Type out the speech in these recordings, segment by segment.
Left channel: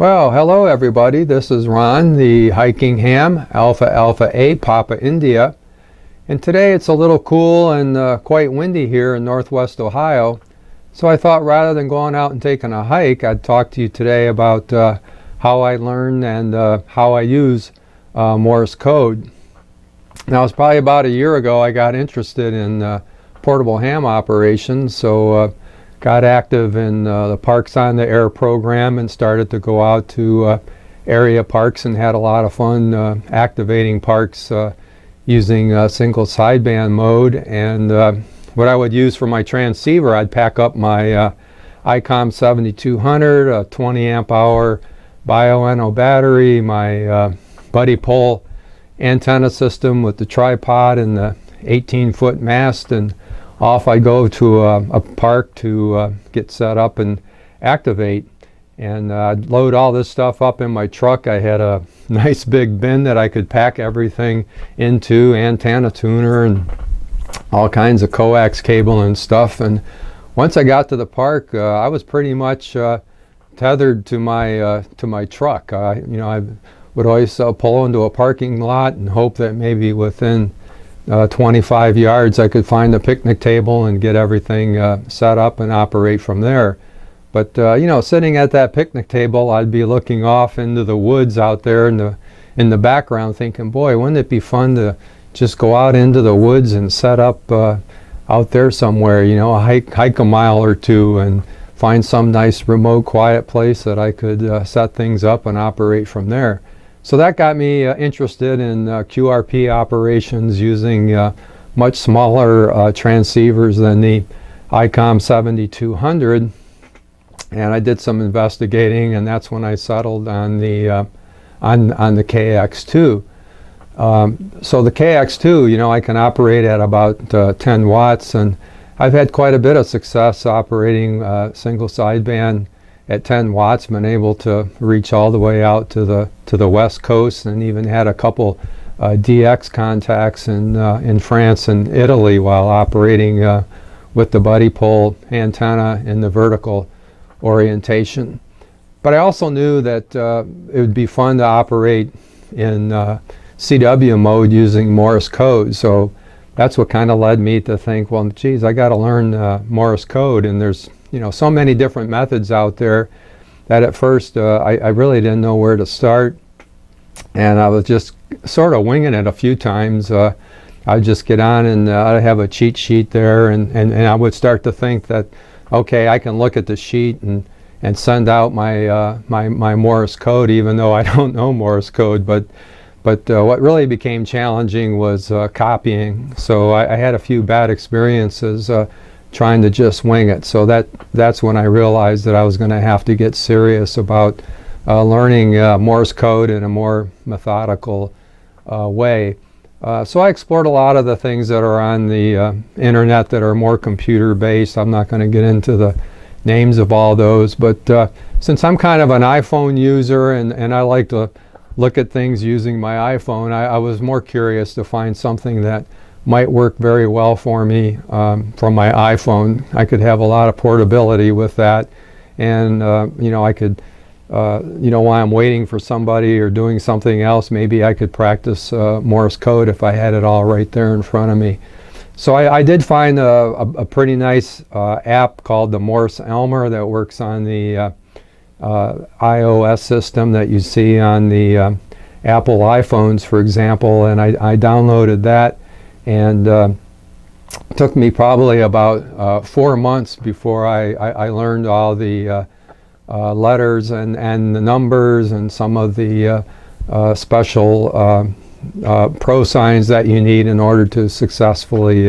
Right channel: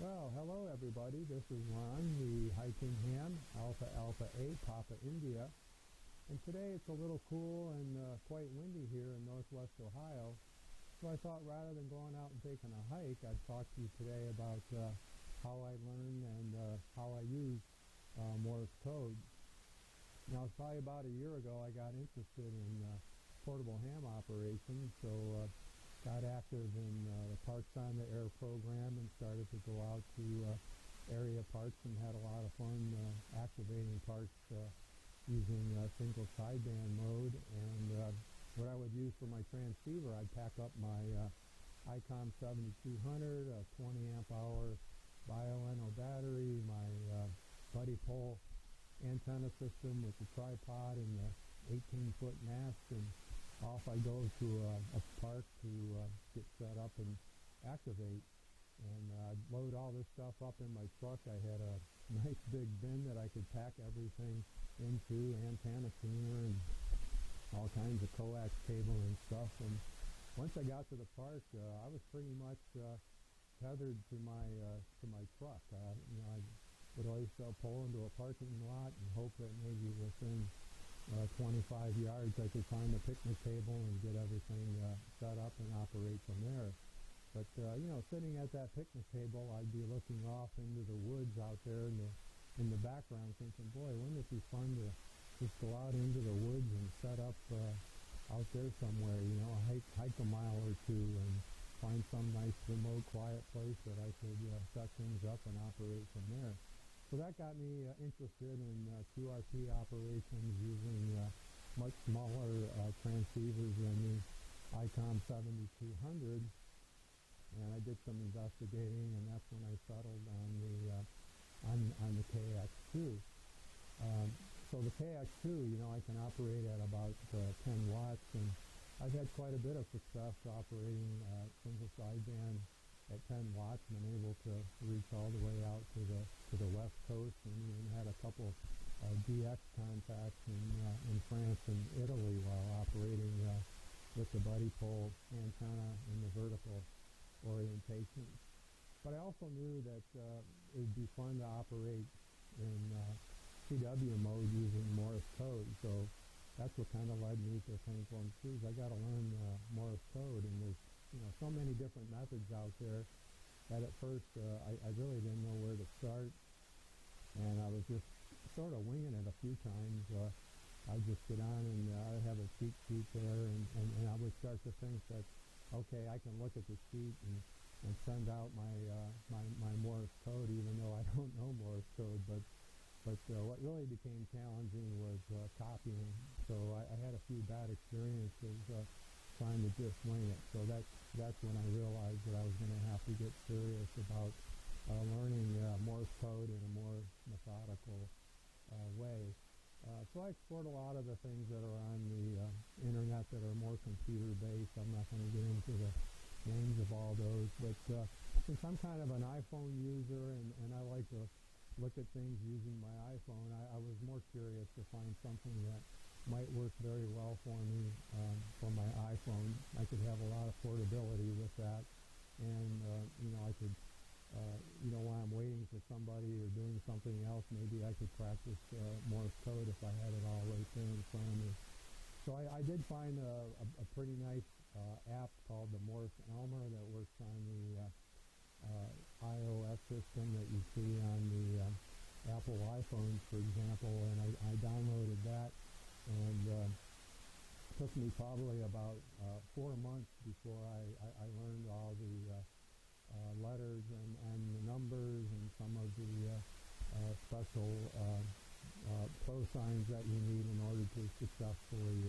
Well, hello everybody. This is Ron, the hiking ham, Alpha Alpha A, Papa India. And today it's a little cool and quite windy here in northwest Ohio. So I thought rather than going out and taking a hike, I'd talk to you today about how I learn and how I use Morse code. Now, it's probably about a year ago I got interested in portable ham operations, so got active in the Parks on the Air program and started to go out to area parks and had a lot of fun activating parks using single sideband mode. And what I would use for my transceiver, I'd pack up my ICOM 7200, a 20 amp hour Bio-NO battery, my buddy pole antenna system with the tripod and the 18-foot mast, and off I go to a park to get set up and activate. And I'd load all this stuff up in my truck. I had a nice big bin that I could pack everything into, antenna tuner and all kinds of coax cable and stuff. And once I got to the park, I was pretty much tethered to my truck. I would always pull into a parking lot and hope that maybe within 25 yards I could find a picnic table and get everything set up and operate from there. But sitting at that picnic table, I'd be looking off into the woods out there in the background thinking, boy, wouldn't it be fun to just go out into the woods and set up out there somewhere, hike a mile or two and find some nice remote quiet place that I could set things up and operate from there. So that got me interested in QRP operations using much smaller transceivers than the ICOM 7200, and I did some investigating, and that's when I settled on the KX2. So the KX2, I can operate at about 10 watts, and I've had quite a bit of success operating single sideband at 10 watts, been able to reach all the way out to the west coast, and even had a couple DX contacts in France and Italy while operating with the buddy pole antenna in the vertical orientation. But I also knew that it would be fun to operate in CW mode using Morse code. So that's what kind of led me to think, well, geez, I got to learn Morse code, and there's so many different methods out there that at first I really didn't know where to start, and I was just sort of winging it a few times. I'd just get on and I'd have a cheat sheet there, and I would start to think that, okay, I can look at the sheet and send out my my Morse code, even though I don't know Morse code. But what really became challenging was copying. So I had a few bad experiences trying to just wing it. So that's when I realized that I was going to have to get serious about learning Morse code in a more methodical way. So I explored a lot of the things that are on the internet that are more computer based. I'm not going to get into the names of all those, but since I'm kind of an iPhone user and I like to look at things using my iPhone, I was more curious to find something that might work very well for me from my iPhone. I could have a lot of portability with that, and I could, while I'm waiting for somebody or doing something else, maybe I could practice Morse code if I had it all right there in front of me. So I did find a pretty nice app called the Morse Elmer that works on the iOS system that you see on the Apple iPhones, for example, and I downloaded that. And it took me probably about 4 months before I learned all the letters and the numbers and some of the special pro signs that you need in order to successfully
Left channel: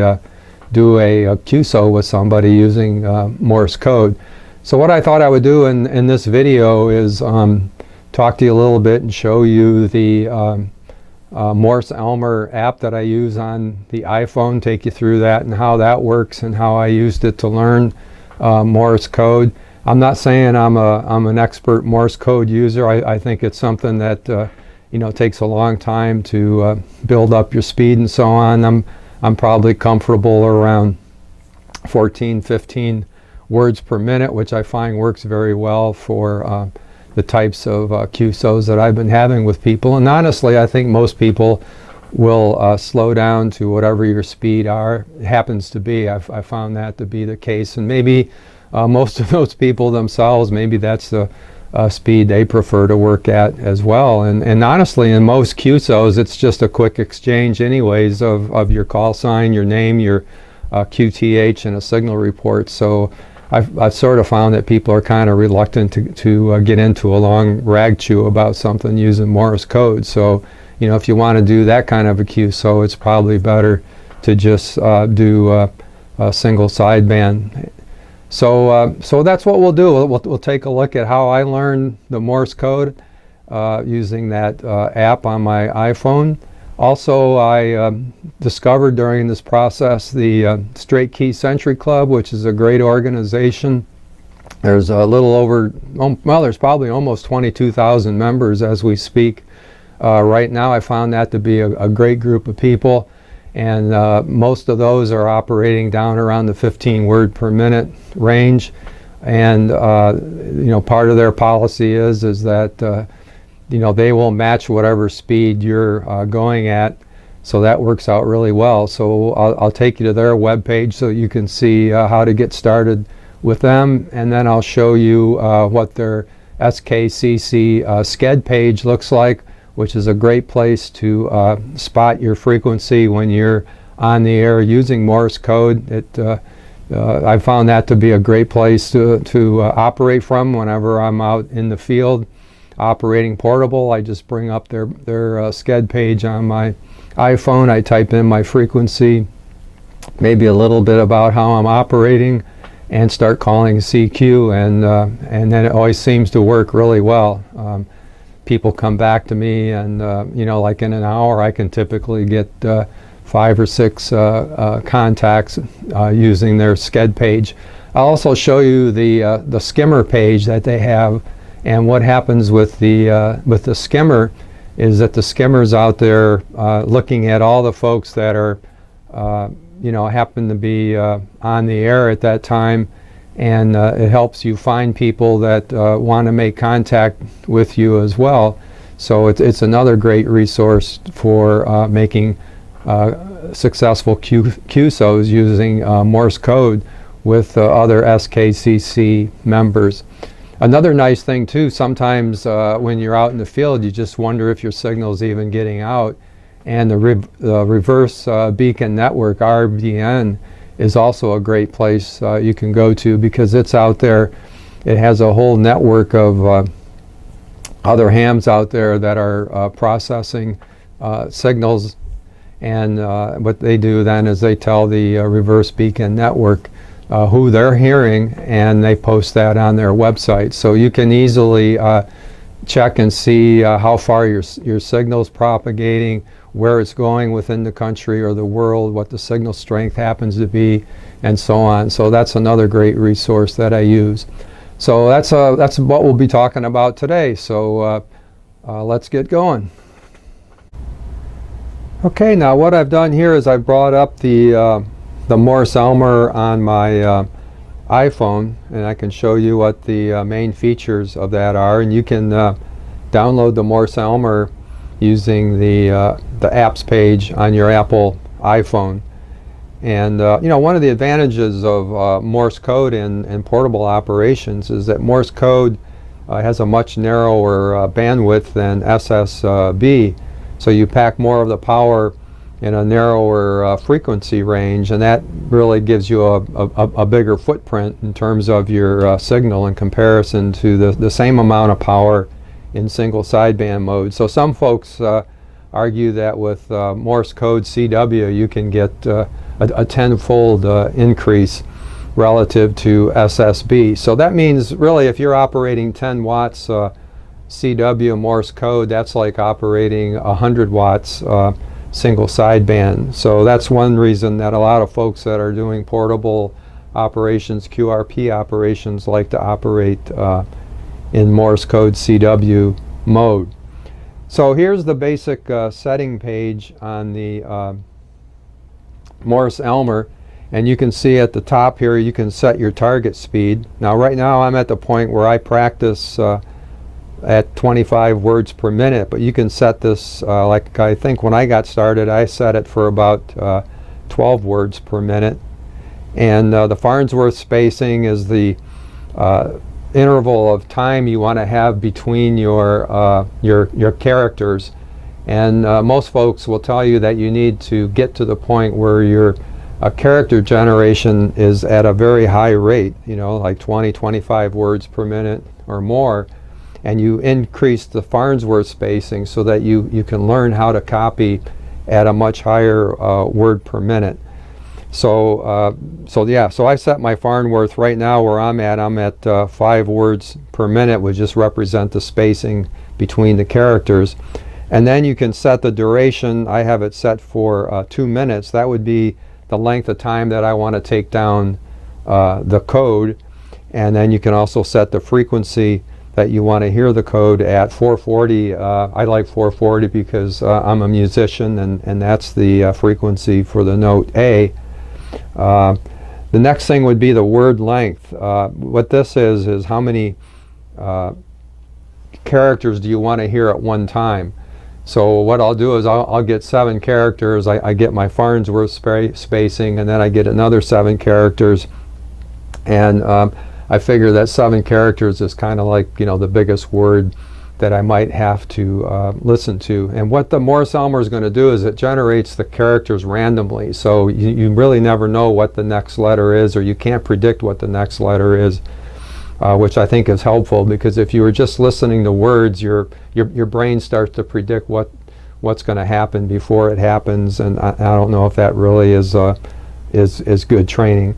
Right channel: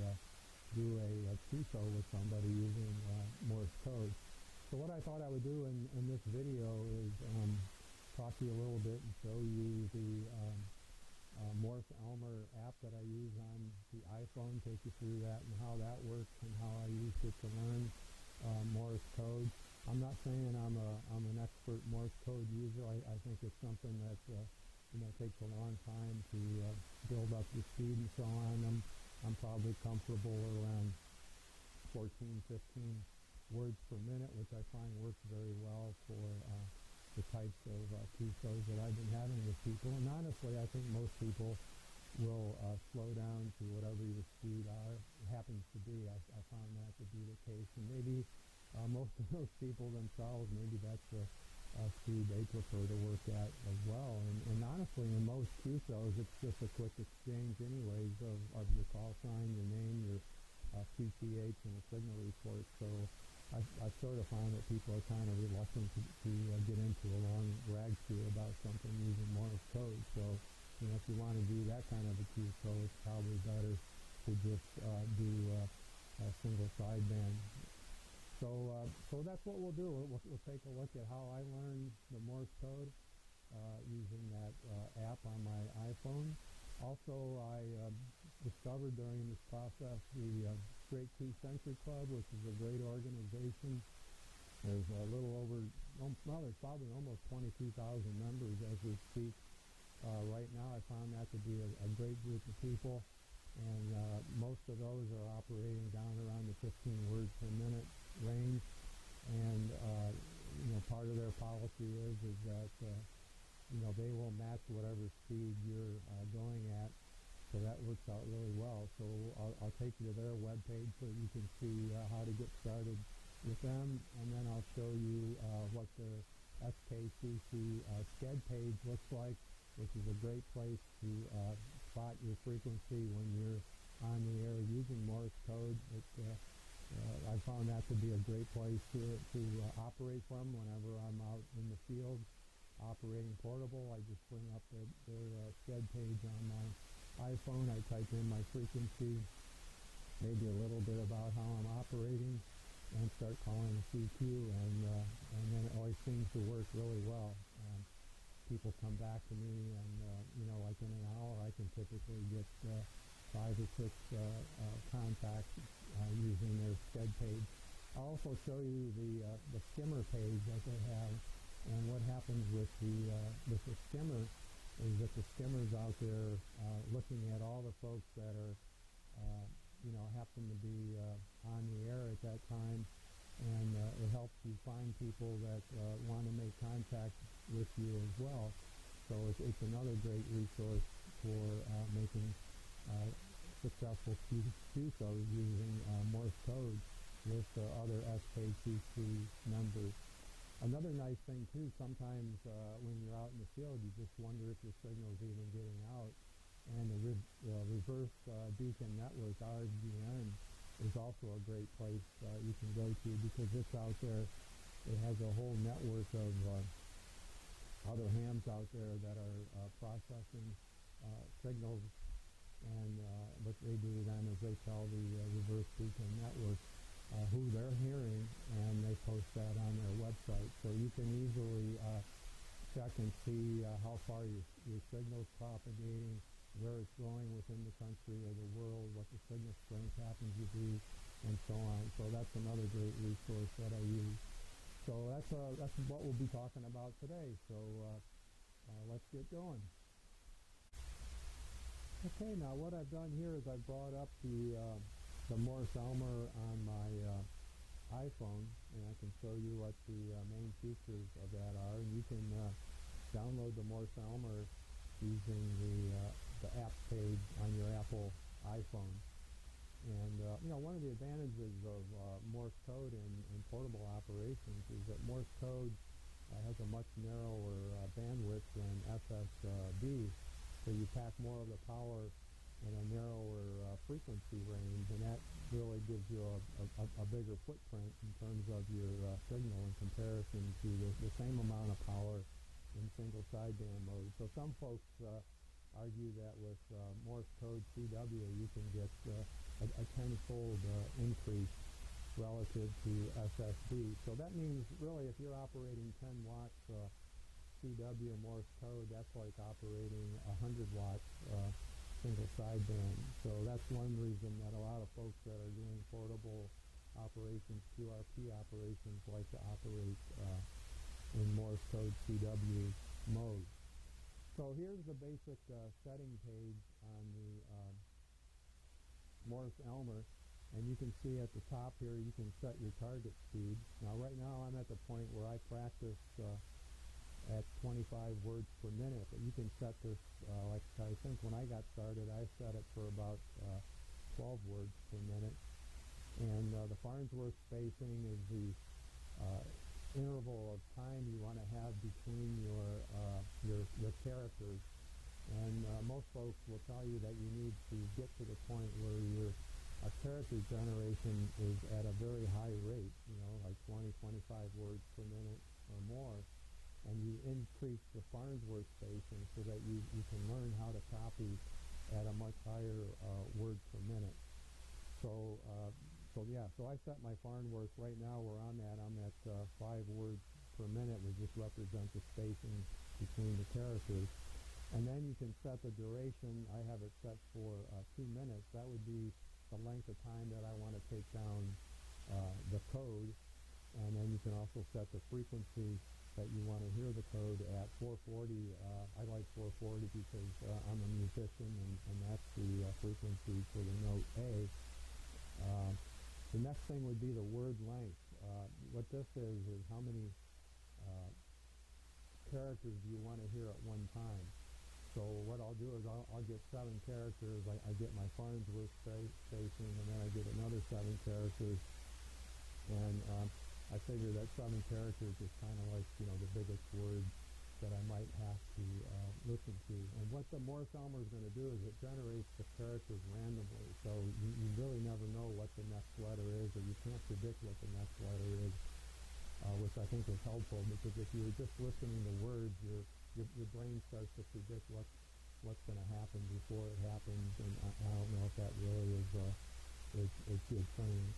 do a QSO with somebody using Morse code. So what I thought I would do in this video is talk to you a little bit and show you the Morse Elmer app that I use on the iPhone, take you through that and how that works and how I used it to learn Morse code. I'm not saying I'm an expert Morse code user. I think it's something that takes a long time to build up your speed and so on. I'm probably comfortable around 14, 15 words per minute, which I find works very well for the types of QSOs that I've been having with people. And honestly, I think most people will slow down to whatever your speed happens to be. I found that to be the case, and maybe most of those people themselves, maybe that's the speed they prefer to work at as well. And honestly, in most QSOs, it's just a quick exchange anyways of your call sign, your name, your QTH, and a signal report. So I've sort of found that people are kind of reluctant to get into a long rag chew about something using Morse code. So, you know, if you want to do that kind of a QSO, it's probably better to just do a single sideband. So that's what we'll do. We'll take a look at how I learned the Morse code using that app on my iPhone. Also, I discovered during this process the Straight Key Century Club, which is a great organization. There's a little over, well, there's probably almost 22,000 members as we speak. Right now, I found that to be a great group of people, and most of those are operating down around the 15 word per minute range. And you know, part of their policy is that you know, they will match whatever speed you're going at, so that works out really well. So I'll take you to their webpage so you can see how to get started with them, and then I'll show you what their SKCC SCED page looks like, which is a great place to spot your frequency when you're on the air using Morse code. I found that to be a great place to operate from whenever I'm out in the field operating portable. I just bring up their SCED page on my iPhone. I type in my frequency, maybe a little bit about how I'm operating, and start calling CQ, and then it always seems to work really well. People come back to me, and you know, like in an hour, I can typically get 5 or 6 contacts using their SCED page. I'll also show you the skimmer page that they have. And what happens with the skimmer is that the skimmer's out there looking at all the folks that are, you know, happen to be on the air at that time, and it helps you find people that want to make contact with you as well. So it's another great resource for making successful QSOs using Morse code with other SKCC members. Another nice thing too, sometimes when you're out in the field, you just wonder if your signal's even getting out. And the reverse beacon network, RBN, is also a great place you can go to, because it's out there. It has a whole network of other hams out there that are processing signals. And what they do then is they tell the reverse beacon network who they're hearing, and they post that on their website. So you can easily check and see how far your signal's propagating, where it's going within the country or the world, what the signal strength happens to be, and so on. So that's another great resource that I use. So that's what we'll be talking about today. So let's get going. Okay, now what I've done here is I've brought up the Morse Elmer on my iPhone, and I can show you what the main features of that are. And you can download the Morse Elmer using the apps page on your Apple iPhone. And you know, one of the advantages of Morse code in portable operations is that Morse code has a much narrower bandwidth than SSB, so you pack more of the power in a narrower frequency range, and that really gives you a bigger footprint in terms of your signal in comparison to the same amount of power in single sideband mode. So some folks argue that with Morse code CW you can get a tenfold increase relative to SSB. So that means really if you're operating 10 watts CW Morse code, that's like operating 100 watts single sideband. So that's one reason that a lot of folks that are doing portable operations, QRP operations, like to operate in Morse code CW mode. So here's the basic setting page on the Morse Elmer, and you can see at the top here you can set your target speed. Now right now I'm at the point where I practice at 25 words per minute, but you can set this, like I think when I got started, I set it for about 12 words per minute. And the Farnsworth spacing is the interval of time you want to have between your characters. And most folks will tell you that you need to get to the point where your character generation is at a very high rate, you know, like 20, 25 words per minute or more. And you increase the Farnsworth spacing so that you can learn how to copy at a much higher word per minute. So so I set my Farnsworth right now where I'm at 5 words per minute, which just represent the spacing between the characters. And then you can set the duration. I have it set for 2 minutes. That would be the length of time that I want to take down the code. And then you can also set the frequency that you want to hear the code at 440. I like 440 because I'm a musician, and that's the frequency for the note A. The next thing would be the word length. What this is how many characters do you want to hear at one time. So what I'll do is I'll get 7 characters. I get my Farnsworth spacing, and then I get another 7 characters. And I figure that 7 characters is kind of like, you know, the biggest word that I might have to listen to. And what the Morse-Elmer is going to do is it generates the characters randomly. So you really never know what the next letter is, or you can't predict what the next letter is, which I think is helpful, because if you were just listening to words, your brain starts to predict what's going to happen before it happens, and I don't know if that really is good training.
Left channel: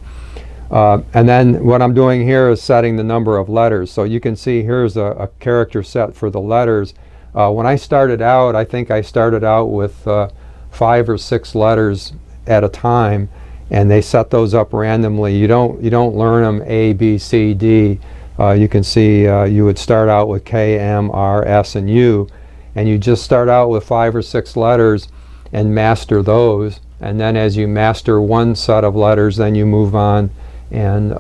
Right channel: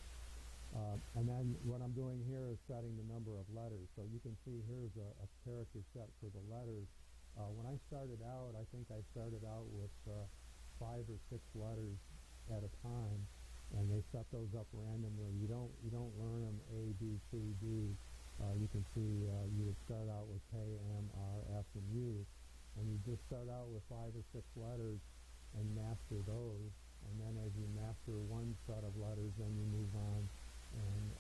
And then what I'm doing here is setting the number of letters. So you can see here's a character set for the letters. When I started out, I think I started out with 5 or 6 letters at a time, and they set those up randomly. You don't learn them A, B, C, D. You can see you would start out with K, M, R, S, and U, and you just start out with 5 or 6 letters and master those. And then as you master one set of letters, then you move on and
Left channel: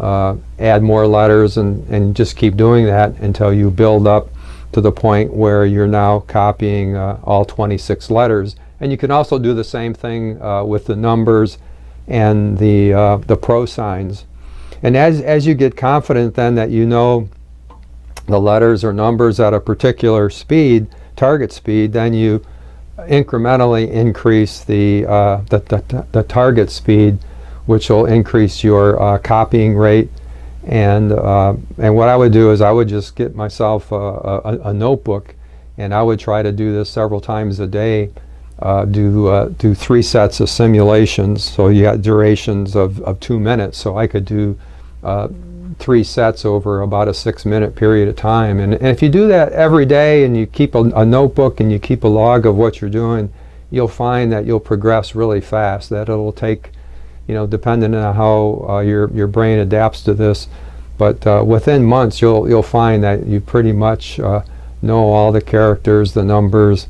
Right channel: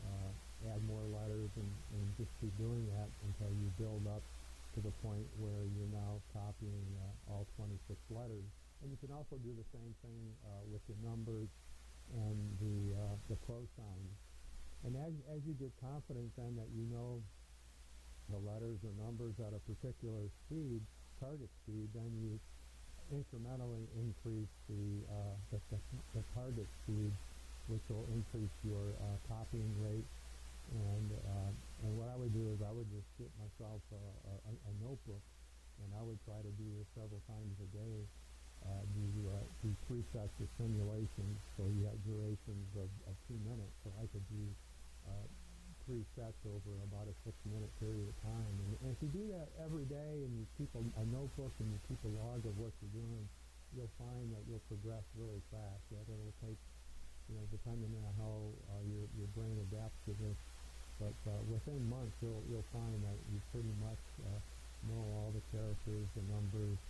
add more letters, and just keep doing that until you build up to the point where you're now copying all 26 letters. And you can also do the same thing with the numbers and the pro signs. And as you get confident then that you know the letters or numbers at a particular speed, target speed, then you incrementally increase the target speed, which will increase your copying rate. And what I would do is I would just get myself a notebook, and I would try to do this several times a day. Do 3 sets of simulations. So you got durations of 2 minutes. So I could do 3 sets over about a 6-minute period of time. And if you do that every day, and you keep a notebook and you keep a log of what you're doing, you'll find that you'll progress really fast. That it'll take, you know, depending on how your brain adapts to this, but within months you'll find that you pretty much know all the characters, the numbers,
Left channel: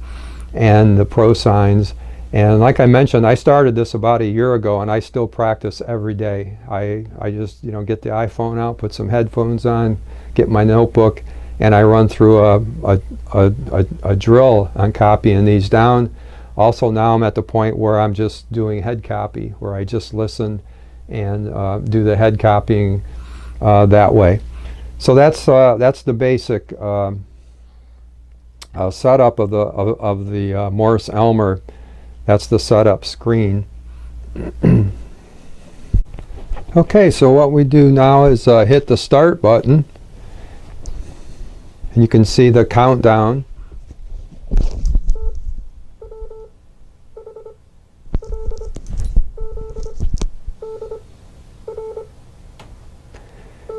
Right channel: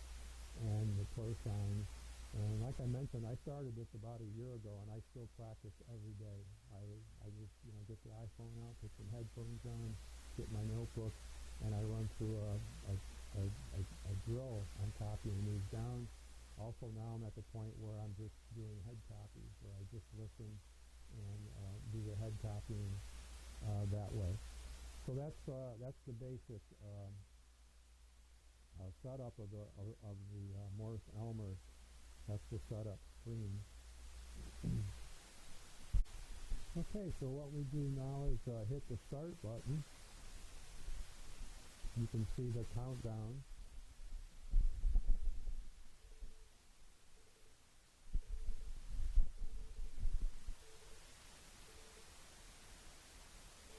and the pro signs. And like I mentioned, I started this about a year ago, and I still practice every day. I just, you know, get the iPhone out, put some headphones on, get my notebook, and I run through a drill on copying these down. Also now I'm at the point where I'm just doing head copy, where I just listen and do the head copying that way. So that's the basic setup of the Morse-Elmer. That's the setup screen. Okay, so what we do now is hit the start button, and you can see the countdown.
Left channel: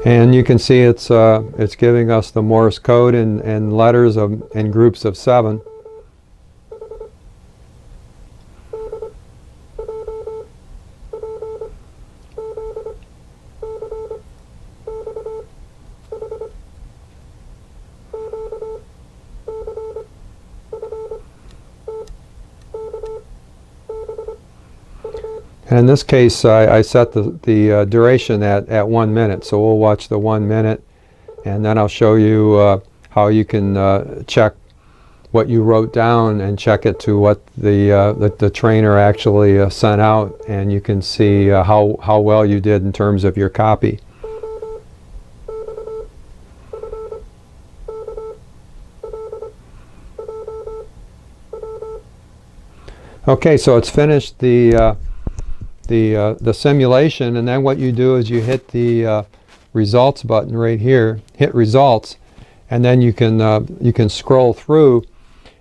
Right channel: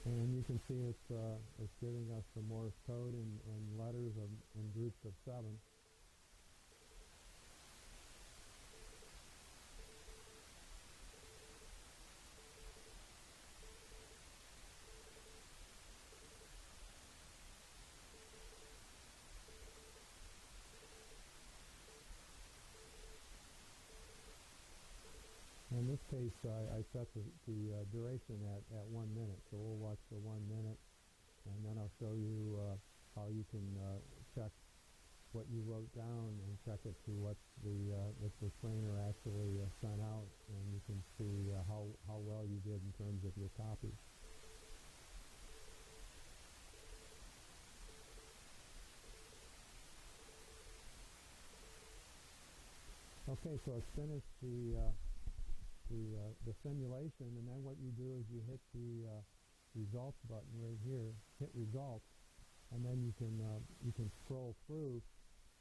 And you can see it's giving us the Morse code in letters in groups of 7. And in this case, I set the duration at 1 minute. So we'll watch the 1 minute, and then I'll show you how you can check what you wrote down and check it to what the trainer actually sent out, and you can see how well you did in terms of your copy. Okay, so it's finished the simulation, and then what you do is you hit the results button right here, hit results, and then you can scroll through,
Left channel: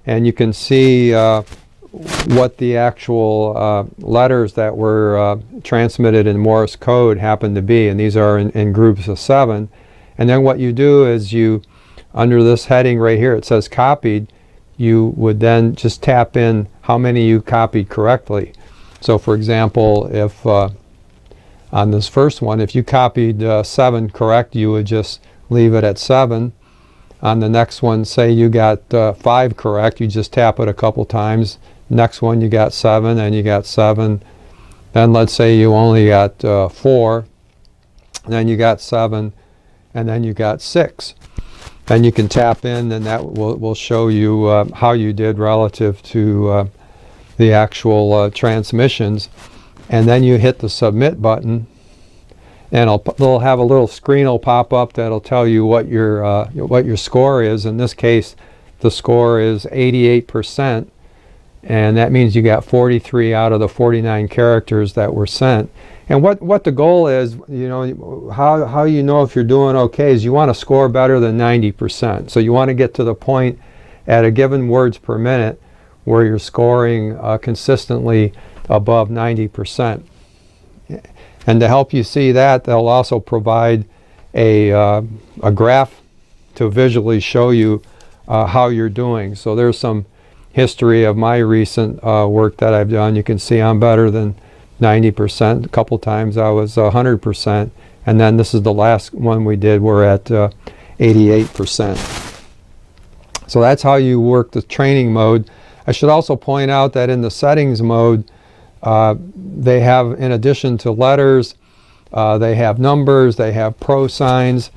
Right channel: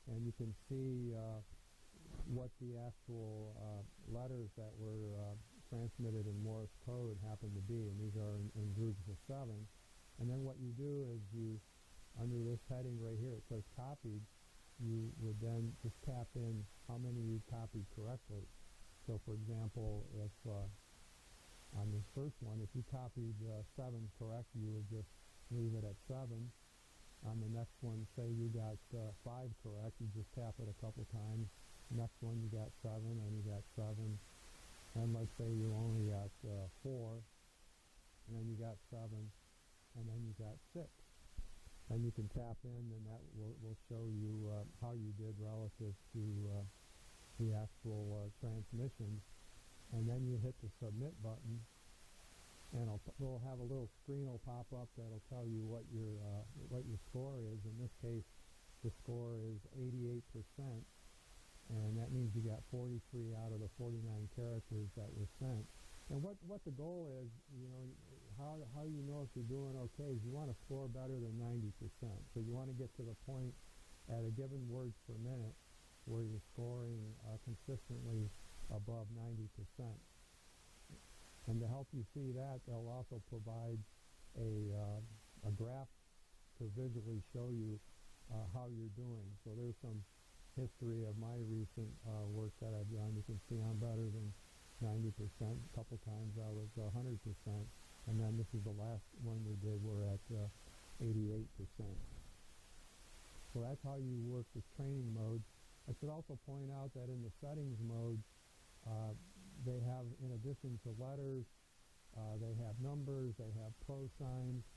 and you can see what the actual letters that were transmitted in Morse code happen to be, and these are in groups of 7. And then what you do is you, under this heading right here, it says copied, you would then just tap in how many you copied correctly. So for example, if on this first one, if you copied 7 correct, you would just leave it at 7. On the next one, say you got 5 correct, you just tap it a couple times. Next one you got 7, and you got 7. Then let's say you only got 4, then you got 7, and then you got 6. Then you can tap in, and that will show you how you did relative to the actual transmissions. And then you hit the submit button, and they'll have a little screen will pop up that'll tell you what your score is. In this case, the score is 88%, and that means you got 43 out of the 49 characters that were sent. And what the goal is, you know, how you know if you're doing okay is you want to score better than 90%. So you want to get to the point at a given words per minute where you're scoring consistently above 90%. And to help you see that, they'll also provide a graph to visually show you how you're doing. So there's some history of my recent work that I've done. You can see I'm better than 90%. A couple times I was 100%. And then this is the last one we did. We're at 88%. So that's how you work the training mode. I should also point out that in the settings mode, they have, in addition to letters, they have numbers, they have pro signs,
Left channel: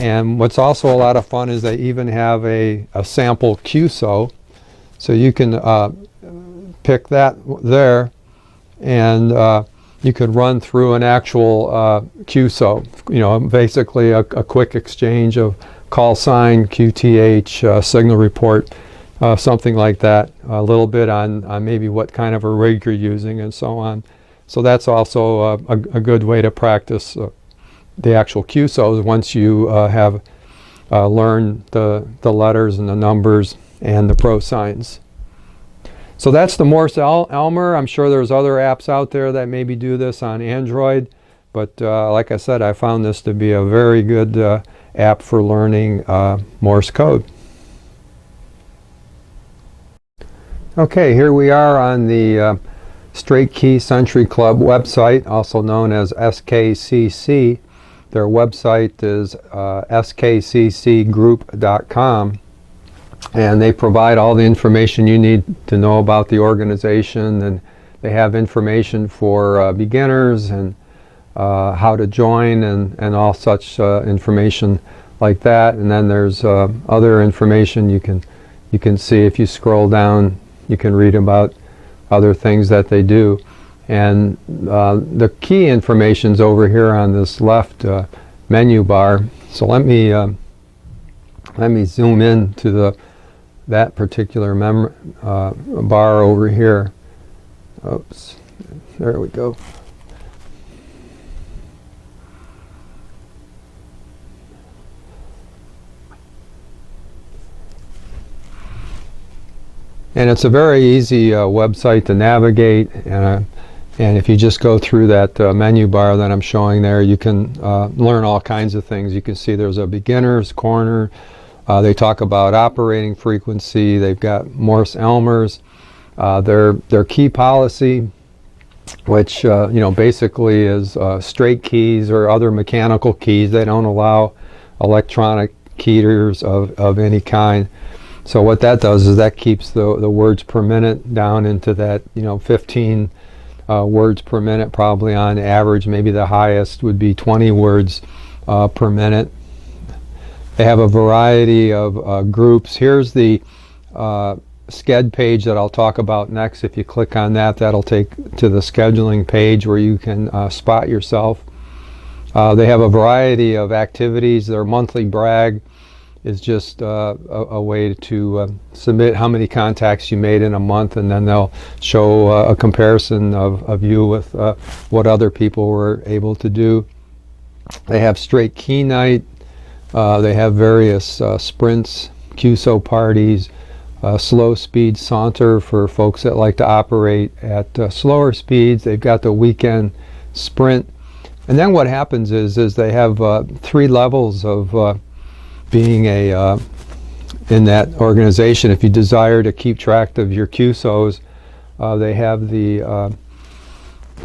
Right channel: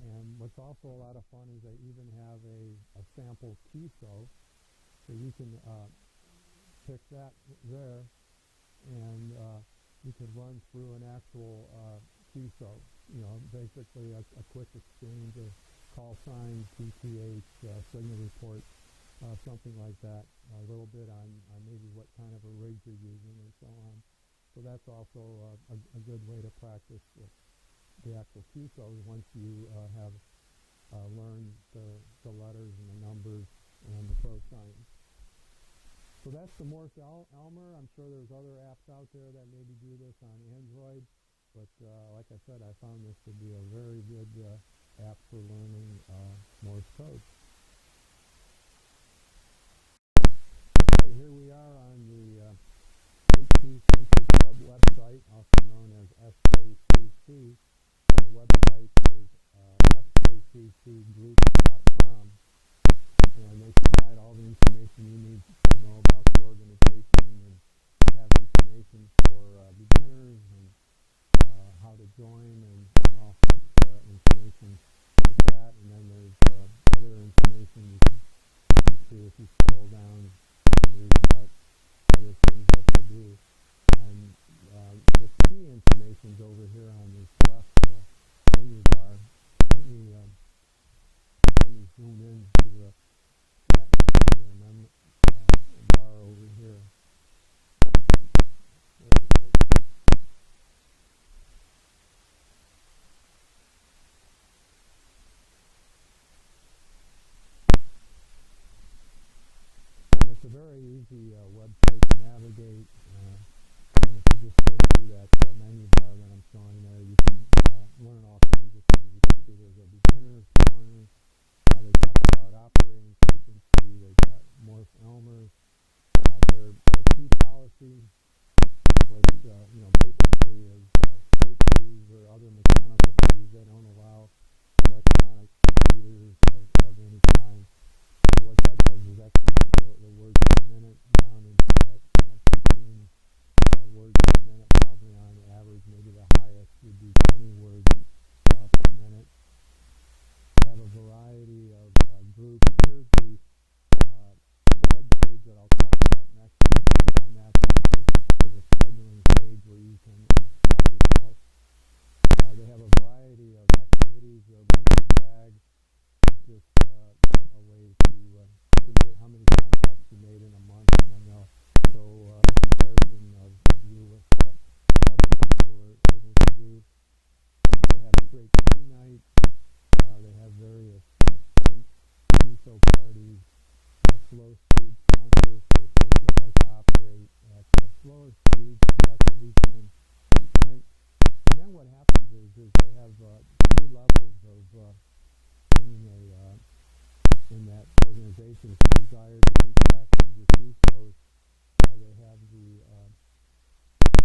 and what's also a lot of fun is they even have a sample QSO. So you can pick that there, and you could run through an actual QSO, you know, basically a quick exchange of call sign, QTH, signal report, something like that, a little bit on maybe what kind of a rig you're using and so on. So that's also a good way to practice the actual QSOs once you have learned the letters and the numbers and the pro signs. So that's the Morse Elmer. I'm sure there's other apps out there that maybe do this on Android, but like I said, I found this to be a very good app for learning Morse code. Okay, here we are on the Straight Key Century Club website, also known as SKCC. Their website is skccgroup.com, and they provide all the information you need to know about the organization, and they have information for beginners and how to join and all such information like that. And then there's other information you can see if you scroll down. You can read about other things that they do. And the key information's over here on this left menu bar. So let me zoom in to that particular bar over here. Oops, there we go. And it's a very easy website to navigate, and if you just go through that menu bar that I'm showing there, you can learn all kinds of things. You can see there's a beginner's corner. They talk about operating frequency. They've got Morse Elmers. Their key policy, which basically is straight keys or other mechanical keys. They don't allow electronic keyers of any kind. So what that does is that keeps the words per minute down into that 15 words per minute, probably on average. Maybe the highest would be 20 words per minute. They have a variety of groups. Here's the Sched page that I'll talk about next. If you click on that, that'll take to the scheduling page where you can spot yourself. They have a variety of activities. Their monthly brag is just a way to submit how many contacts you made in a month, and then they'll show a comparison of you with what other people were able to do. They have straight key night. They have various sprints, QSO parties, slow speed saunter for folks that like to operate at slower speeds. They've got the weekend sprint. And then what happens is they have 3 levels of being in that organization. If you desire to keep track of your QSOs, they have the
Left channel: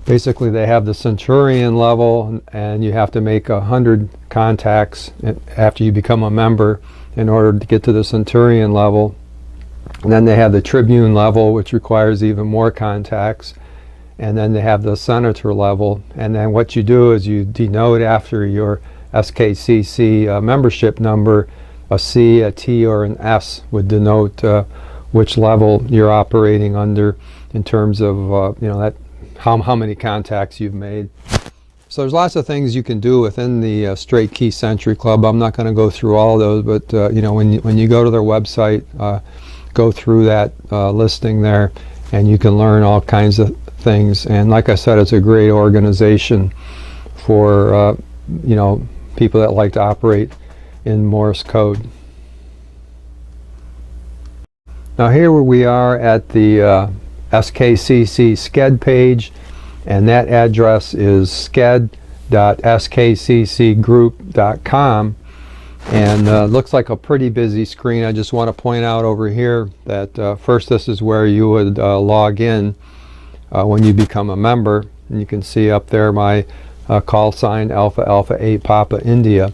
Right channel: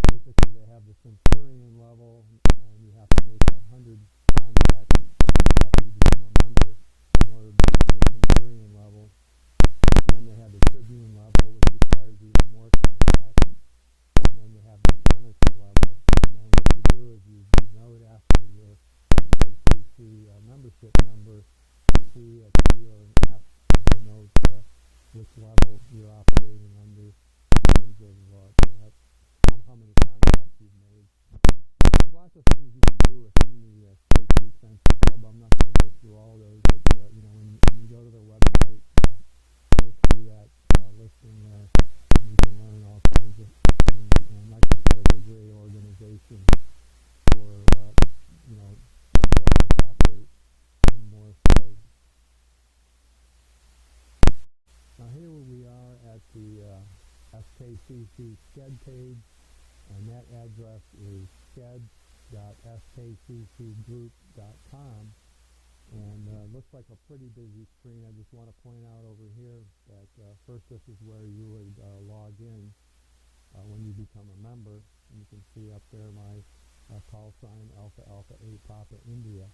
basically they have the Centurion level, and you have to make 100 contacts after you become a member in order to get to the Centurion level. And then they have the Tribune level, which requires even more contacts. And then they have the Senator level. And then what you do is you denote after your SKCC membership number, a C, a T, or an S would denote which level you're operating under in terms of that how many contacts you've made. So there's lots of things you can do within the Straight Key Century Club. I'm not going to go through all of those, but when you go to their website, go through that listing there, and you can learn all kinds of things. And like I said, it's a great organization for people that like to operate in Morse code. Now here we are at the SKCC Sched page, and that address is sched.skccgroup.com. And looks like a pretty busy screen. I just want to point out over here that first, this is where you would log in when you become a member. And you can see up there my call sign Alpha Alpha 8 Papa India.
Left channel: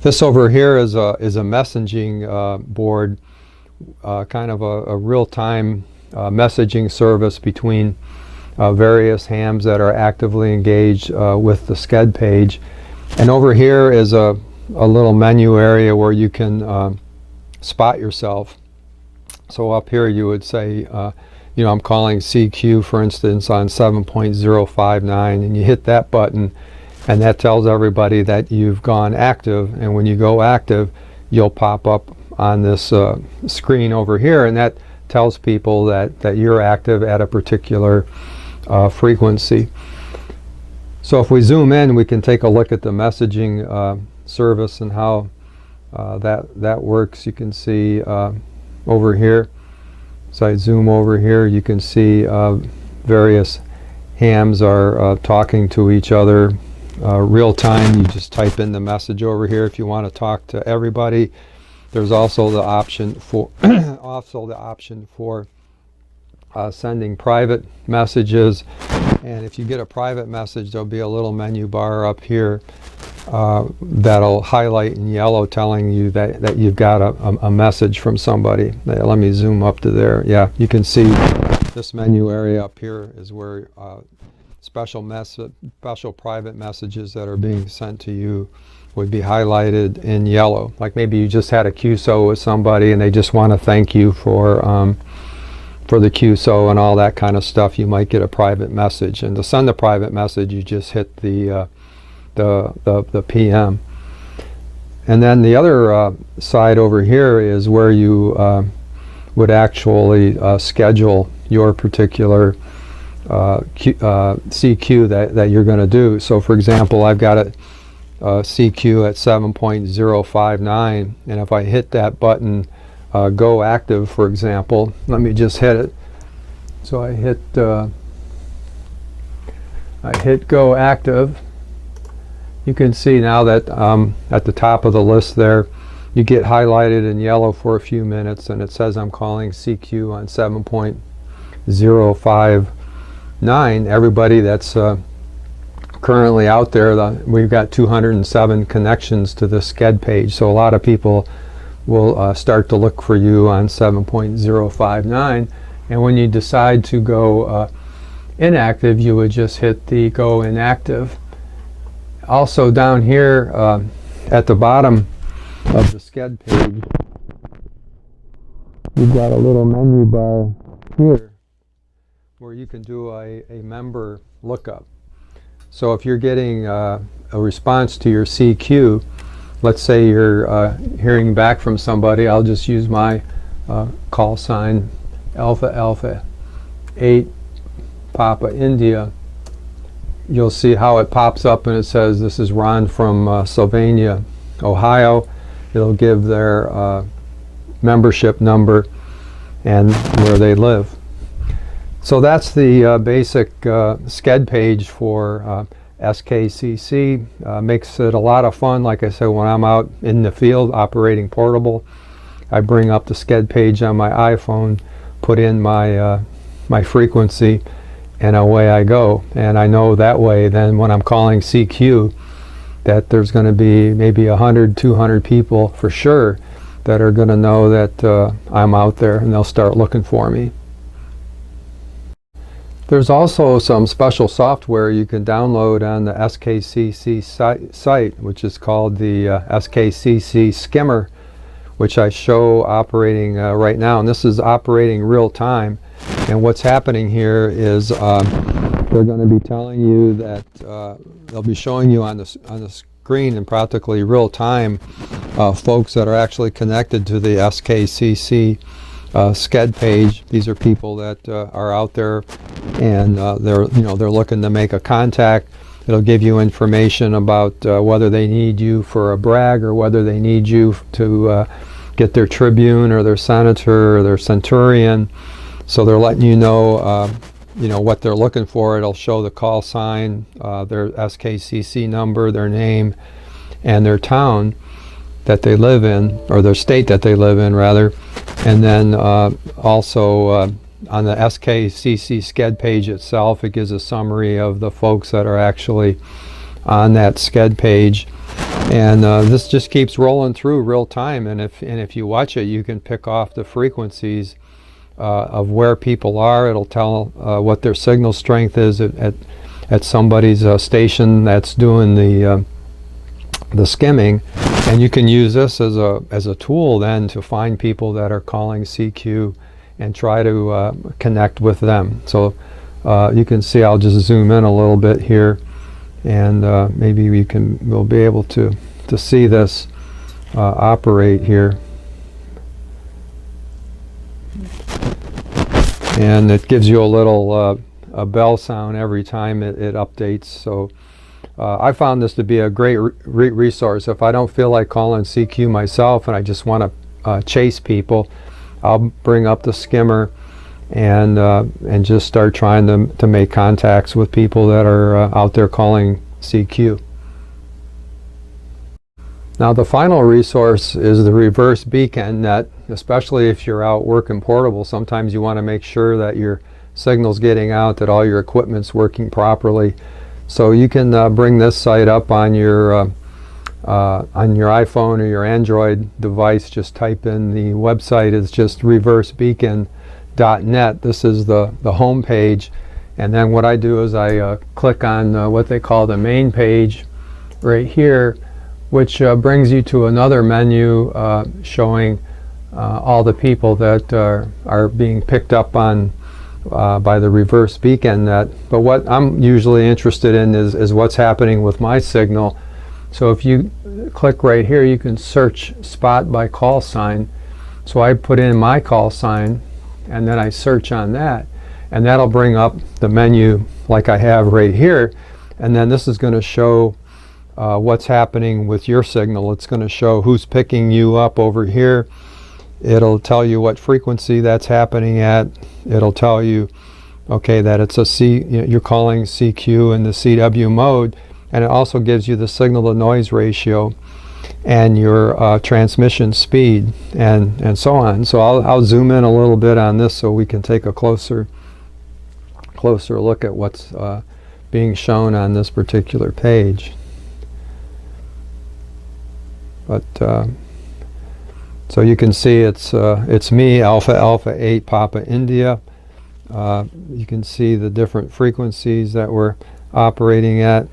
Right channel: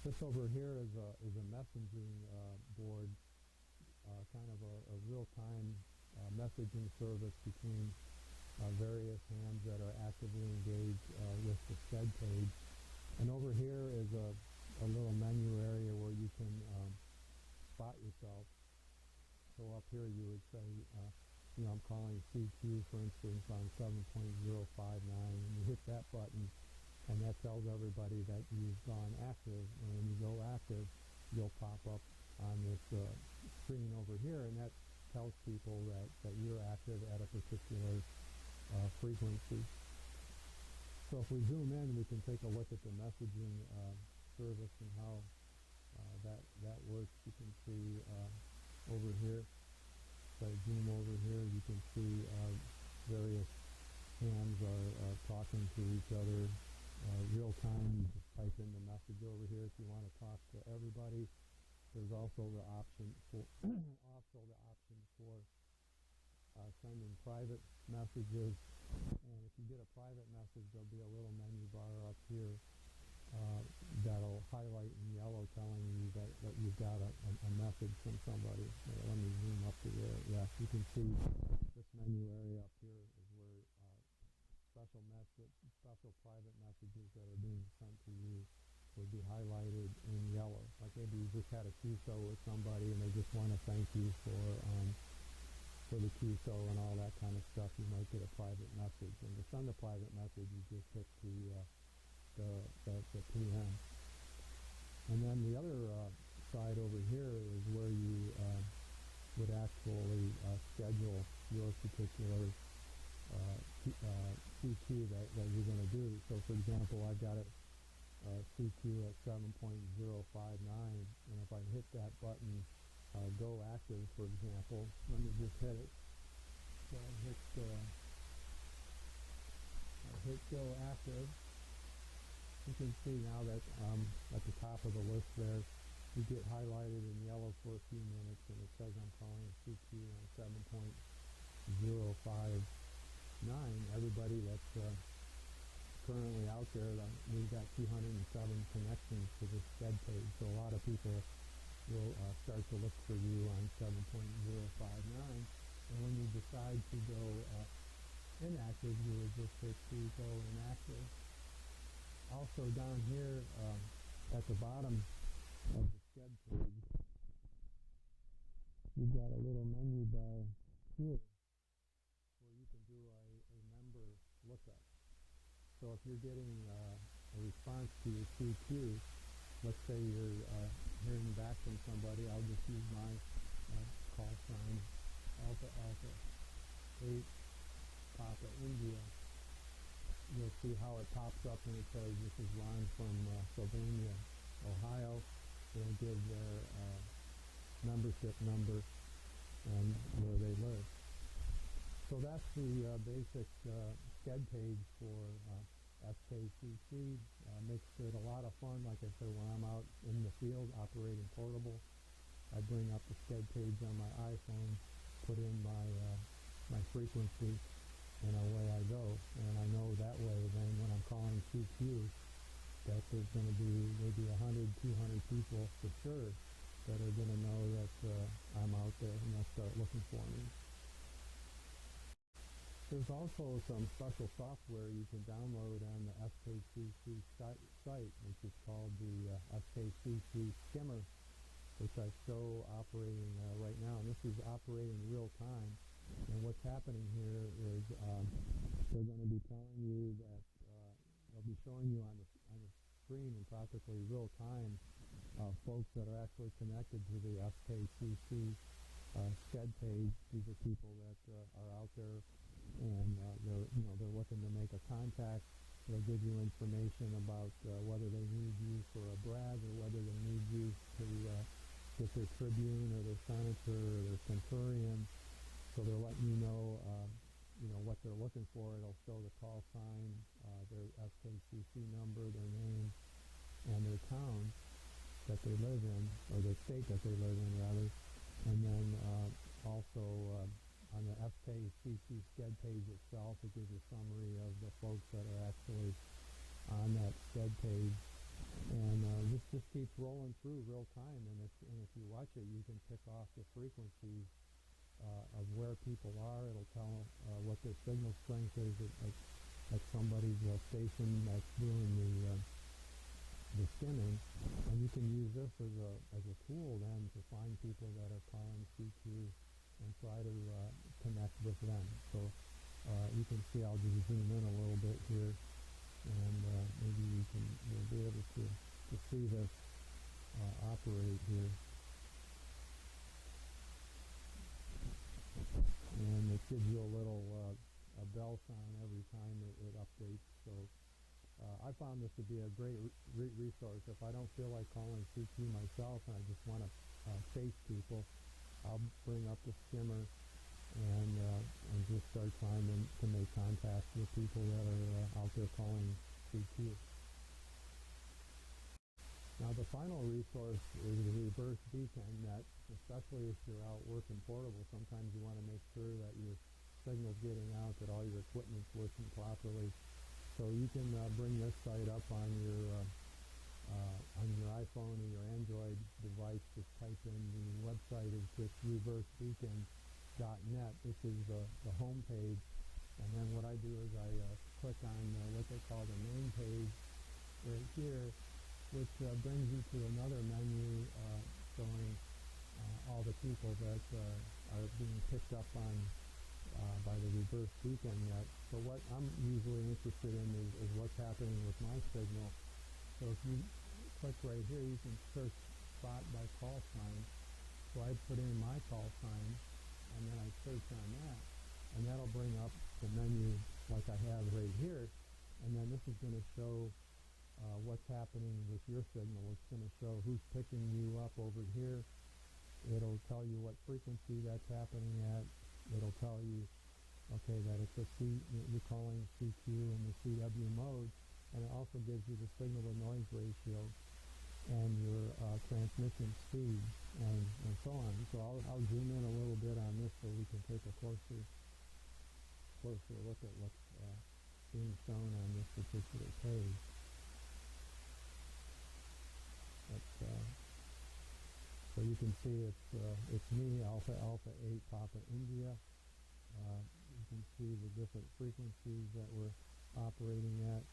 This over here is a messaging board, kind of a real-time messaging service between various hams that are actively engaged with the Sched page. And over here is a little menu area where you can spot yourself. So up here you would say, I'm calling CQ, for instance, on 7.059, and you hit that button, and that tells everybody that you've gone active. And when you go active, you'll pop up on this screen over here, and that tells people that you're active at a particular frequency. So if we zoom in, we can take a look at the messaging service and how that works. You can see over here. So I zoom over here, you can see various hams are talking to each other real time. You just type in the message over here if you want to talk to everybody. There's also the option for sending private messages, and if you get a private message, there'll be a little menu bar up here that'll highlight in yellow telling you that you've got a message from somebody. Let me zoom up to there. Yeah, you can see this menu area up here is where special private messages that are being sent to you would be highlighted in yellow. Like maybe you just had a QSO with somebody and they just want to thank you for the QSO and all that kind of stuff. You might get a private message, and to send the private message, you just hit the PM. And then the other side over here is where you would actually schedule your particular CQ that you're going to do. So for example, I've got a CQ at 7.059, and if I hit that button, go active, for example, let me just hit it. So I hit go active. You can see now that at the top of the list there, you get highlighted in yellow for a few minutes, and it says I'm calling CQ on 7.059. Everybody that's currently out there, we've got 207 connections to the Sched page, so a lot of people will start to look for you on 7.059, and when you decide to go inactive, you would just hit the go inactive. Also down here at the bottom of the SCED page, you've got a little menu bar here where you can do a member lookup. So if you're getting a response to your CQ, let's say you're hearing back from somebody, I'll just use my call sign Alpha Alpha 8 Papa India. You'll see how it pops up and it says this is Ron from Sylvania, Ohio. It'll give their membership number and where they live. So that's the basic SCED page for SKCC. Makes it a lot of fun. Like I said, when I'm out in the field operating portable, I bring up the SCED page on my iPhone, put in my my frequency, and away I go. And I know that way then when I'm calling CQ that there's going to be maybe 100, 200 people for sure that are going to know that I'm out there, and they'll start looking for me. There's also some special software you can download on the SKCC site, which is called the SKCC Skimmer, which I show operating right now. And this is operating real time. And what's happening here is they're going to be telling you that they'll be showing you on the screen in practically real time folks that are actually connected to the SKCC SCED page. These are people that are out there, and they're looking to make a contact. It'll give you information about whether they need you for a brag or whether they need you to get their Tribune or their Senator or their Centurion. So they're letting you know what they're looking for. It'll show the call sign, their SKCC number, their name, and their town that they live in, or their state that they live in rather. And then also on the SKCC SCED page itself, it gives a summary of the folks that are actually on that SCED page. And this just keeps rolling through real time. And if you watch it, you can pick off the frequencies of where people are. It'll tell what their signal strength is at somebody's station that's doing the skimming. And you can use this as a tool then to find people that are calling CQ and try to connect with them. So you can see, I'll just zoom in a little bit here, and maybe we'll be able to see this operate here. And it gives you a little a bell sound every time it updates. So I found this to be a great resource. If I don't feel like calling CQ myself and I just want to chase people, I'll bring up the skimmer and just start trying to make contacts with people that are out there calling CQ. Now the final resource is the reverse beacon net. Especially if you're out working portable, sometimes you want to make sure that your signal's getting out, that all your equipment's working properly. So you can bring this site up on your iPhone or your Android device. Just type in the website is just reversebeacon.net. This is the home page, and then what I do is I click on what they call the main page right here, which brings you to another menu showing all the people that are being picked up on by the reverse beacon net. But what I'm usually interested in is what's happening with my signal. So if you click right here, you can search spot by call sign. So I put in my call sign and then I search on that, and that'll bring up the menu like I have right here. And then this is going to show what's happening with your signal. It's going to show who's picking you up over here. It'll tell you what frequency that's happening at. It'll tell you, okay, that it's you're calling CQ in the CW mode, and it also gives you the signal to noise ratio and your transmission speed and so on. So I'll zoom in a little bit on this so we can take a closer look at what's being shown on this particular page. But so you can see it's me, Alpha Alpha 8 Papa India. You can see the different frequencies that we're operating at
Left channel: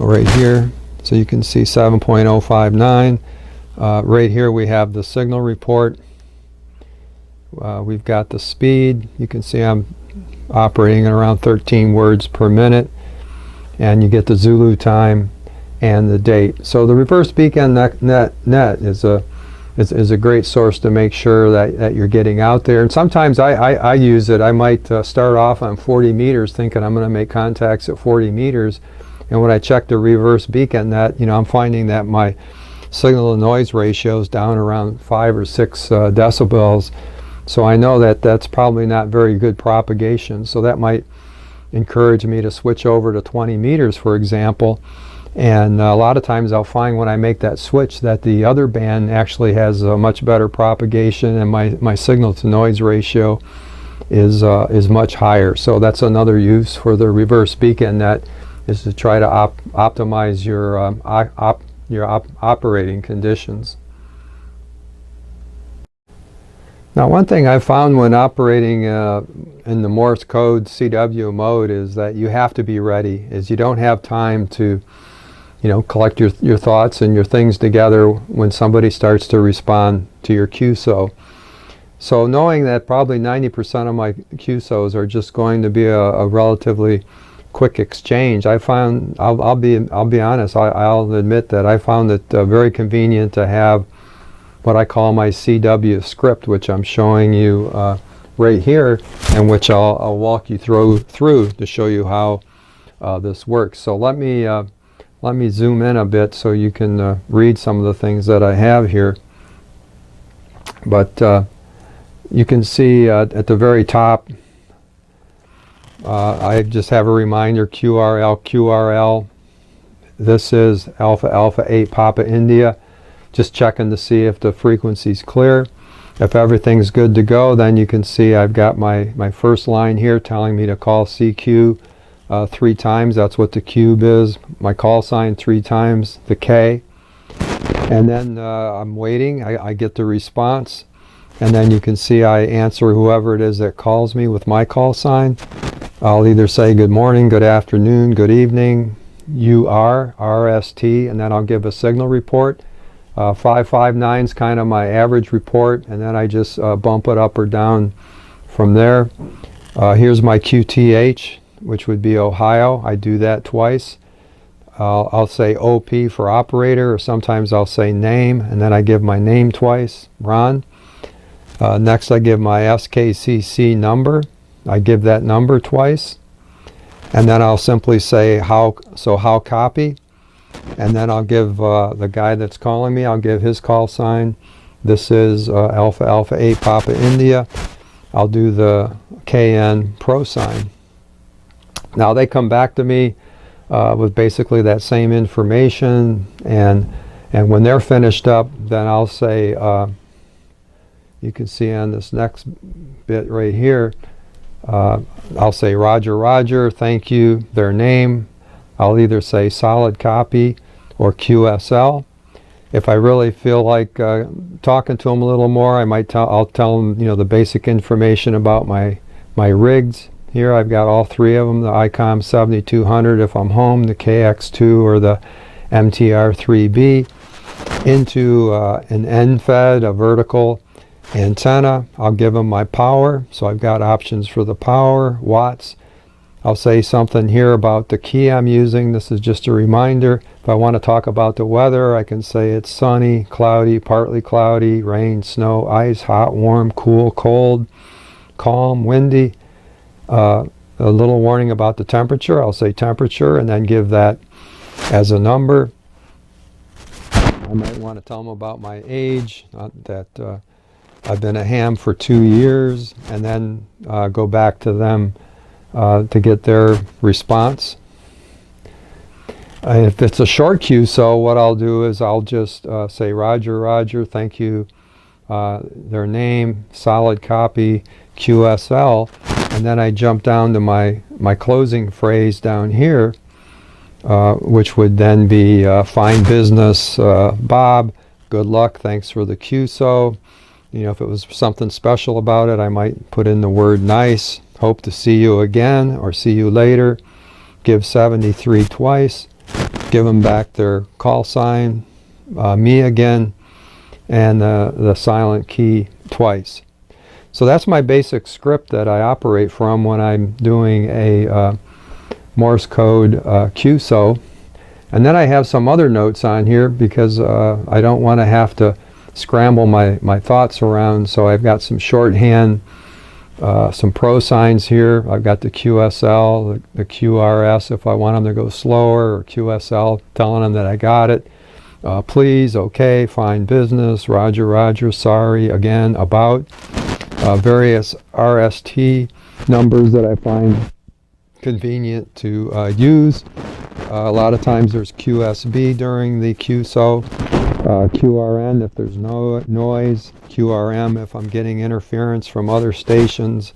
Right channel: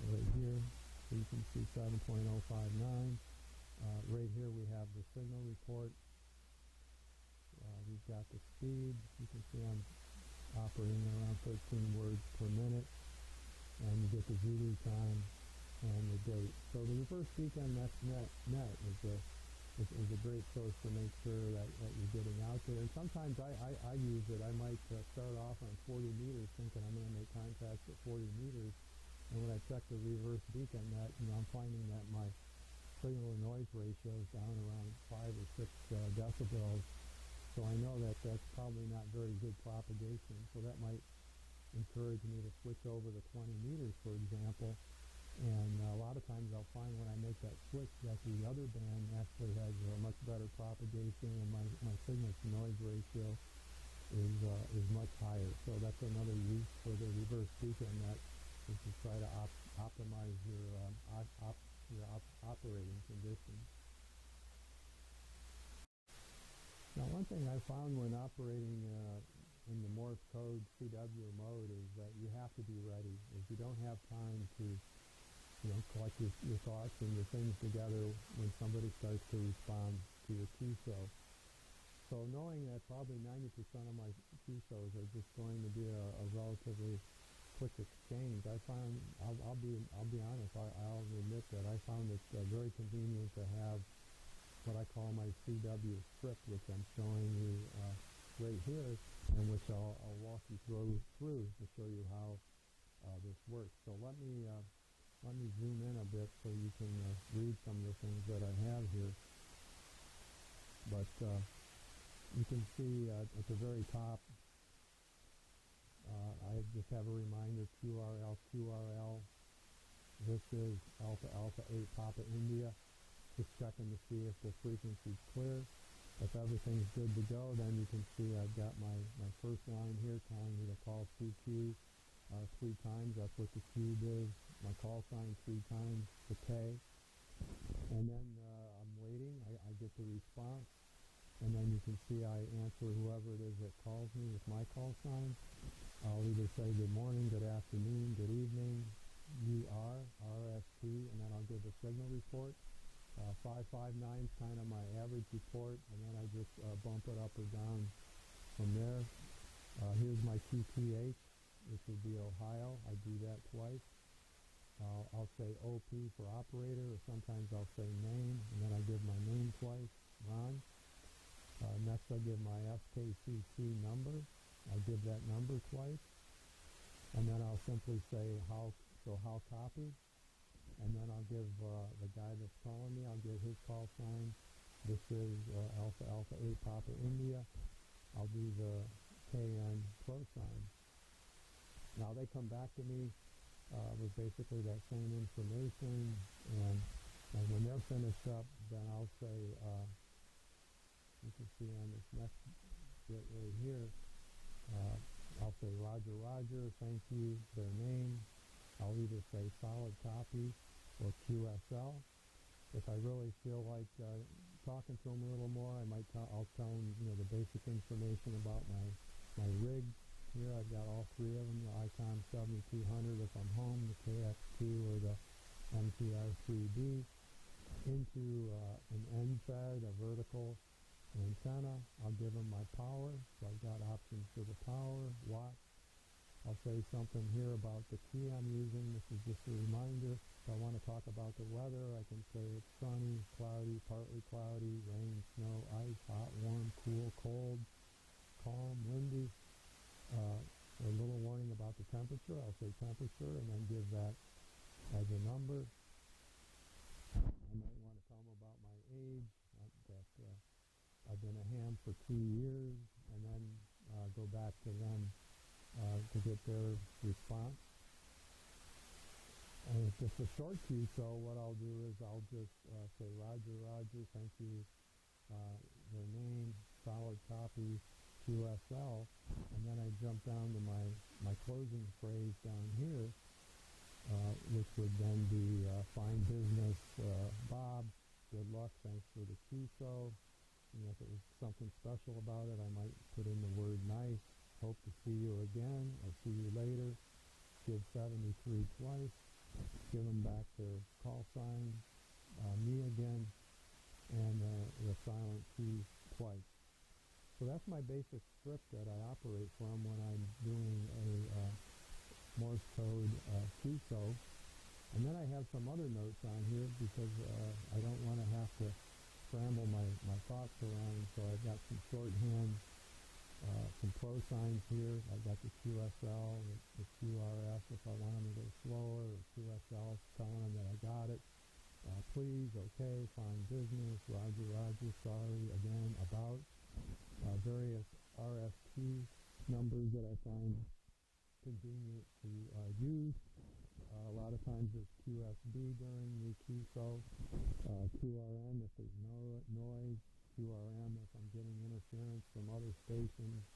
right here. So you can see 7.059. Right here we have the signal report. We've got the speed. You can see I'm operating at around 13 words per minute, and you get the Zulu time and the date. So the reverse beacon net is a great source to make sure that you're getting out there. And sometimes I use it. I might start off on 40 meters thinking I'm going to make contacts at 40 meters, and when I check the reverse beacon net, I'm finding that my signal to noise ratio is down around 5 or 6 decibels. So I know that that's probably not very good propagation. So that might encourage me to switch over to 20 meters, for example. And a lot of times I'll find when I make that switch that the other band actually has a much better propagation, and my signal to noise ratio is much higher. So that's another use for the reverse beacon net, is to try to optimize your operating conditions. Now, one thing I've found when operating in the Morse code CW mode is that you have to be ready, is you don't have time to collect your thoughts and your things together when somebody starts to respond to your QSO. So knowing that probably 90% of my QSOs are just going to be a relatively quick exchange, I found, I'll be honest, I'll admit that I found it very convenient to have what I call my CW script, which I'm showing you right here, and which I'll walk you through to show you how this works. So let me zoom in a bit so you can read some of the things that I have here. But you can see at the very top, I just have a reminder, QRL. This is Alpha Alpha 8 Papa India. Just checking to see if the frequency's clear. If everything's good to go, then you can see I've got my first line here telling me to call CQ 3 times. That's what the cube is. My call sign 3 times, the K. And then I'm waiting. I get the response. And then you can see I answer whoever it is that calls me with my call sign. I'll either say good morning, good afternoon, good evening, RST, and then I'll give a signal report. 559 is kind of my average report, and then I just bump it up or down from there. Here's my QTH, which would be Ohio. I do that twice. I'll say OP for operator, or sometimes I'll say name, and then I give my name twice, Ron. Next I give my SKCC number. I give that number twice. And then I'll simply say how copy. And then I'll give the guy that's calling me, I'll give his call sign. This is Alpha Alpha 8 Papa India. I'll do the KN Pro sign. Now they come back to me with basically that same information, and when they're finished up, then I'll say, you can see on this next bit right here, I'll say Roger Roger, thank you, their name. I'll either say solid copy or QSL. If I really feel like talking to them a little more, I'll tell them the basic information about my rigs. Here I've got all 3 of them, the ICOM 7200 if I'm home, the KX2 or the MTR3B, into an end-fed, a vertical antenna. I'll give them my power, so I've got options for the power, watts. I'll say something here about the key I'm using. This is just a reminder. If I want to talk about the weather, I can say it's sunny, cloudy, partly cloudy, rain, snow, ice, hot, warm, cool, cold, calm, windy. A little warning about the temperature. I'll say temperature and then give that as a number. I might want to tell them about my age, that I've been a ham for 2 years, and then go back to them to get their response. If it's a short QSO, what I'll do is I'll just say Roger, Roger, thank you, their name, solid copy, QSL, and then I jump down to my closing phrase down here, which would then be fine business, Bob, good luck, thanks for the QSO. If it was something special about it, I might put in the word nice, hope to see you again or see you later, give 73 twice, give them back their call sign, me again, and the silent key twice. So that's my basic script that I operate from when I'm doing a Morse code QSO. And then I have some other notes on here because I don't want to have to scramble my thoughts around. So I've got some shorthand, some pro signs here. I've got the QSL, the QRS if I want them to go slower, or QSL telling them that I got it. Please, okay, fine, business, roger, roger, sorry, again, about. Various RST numbers that I find convenient to use. A lot of times there's QSB during the QSO, QRN if there's no noise, QRM if I'm getting interference from other stations,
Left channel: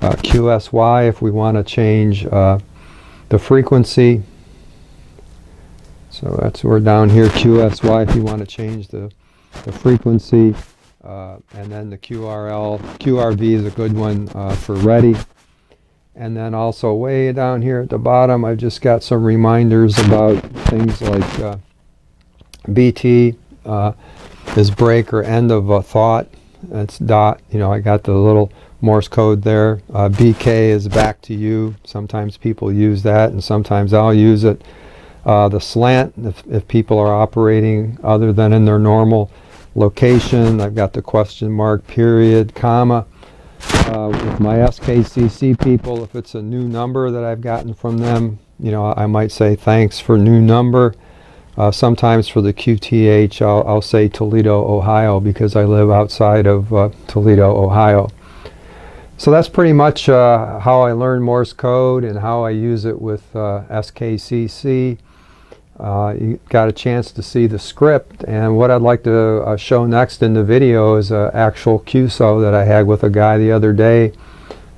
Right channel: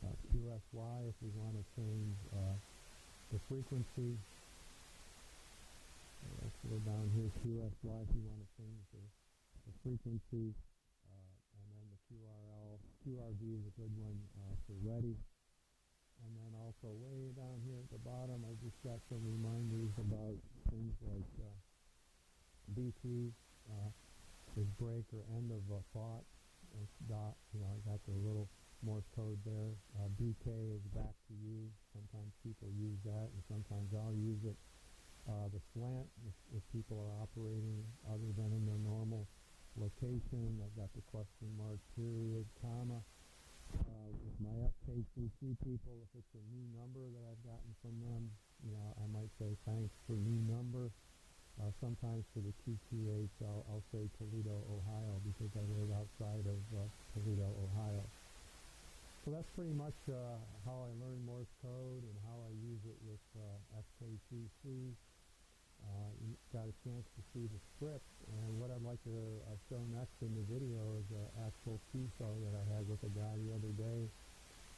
QSY if we want to change the frequency. So we're down here, QSY if you want to change the frequency. And then the QRV is a good one for ready. And then also way down here at the bottom, I've just got some reminders about things like BT is break or end of a thought. That's dot. I got the little Morse code there. BK is back to you. Sometimes people use that, and sometimes I'll use it. The slant, if people are operating other than in their normal location. I've got the question mark, period, comma. With my SKCC people, if it's a new number that I've gotten from them, I might say thanks for new number. Sometimes for the QTH, I'll say Toledo, Ohio, because I live outside of Toledo, Ohio. So that's pretty much how I learned Morse code and how I use it with SKCC. You got a chance to see the script, and what I'd like to show next in the video is an actual QSO that I had with a guy the other day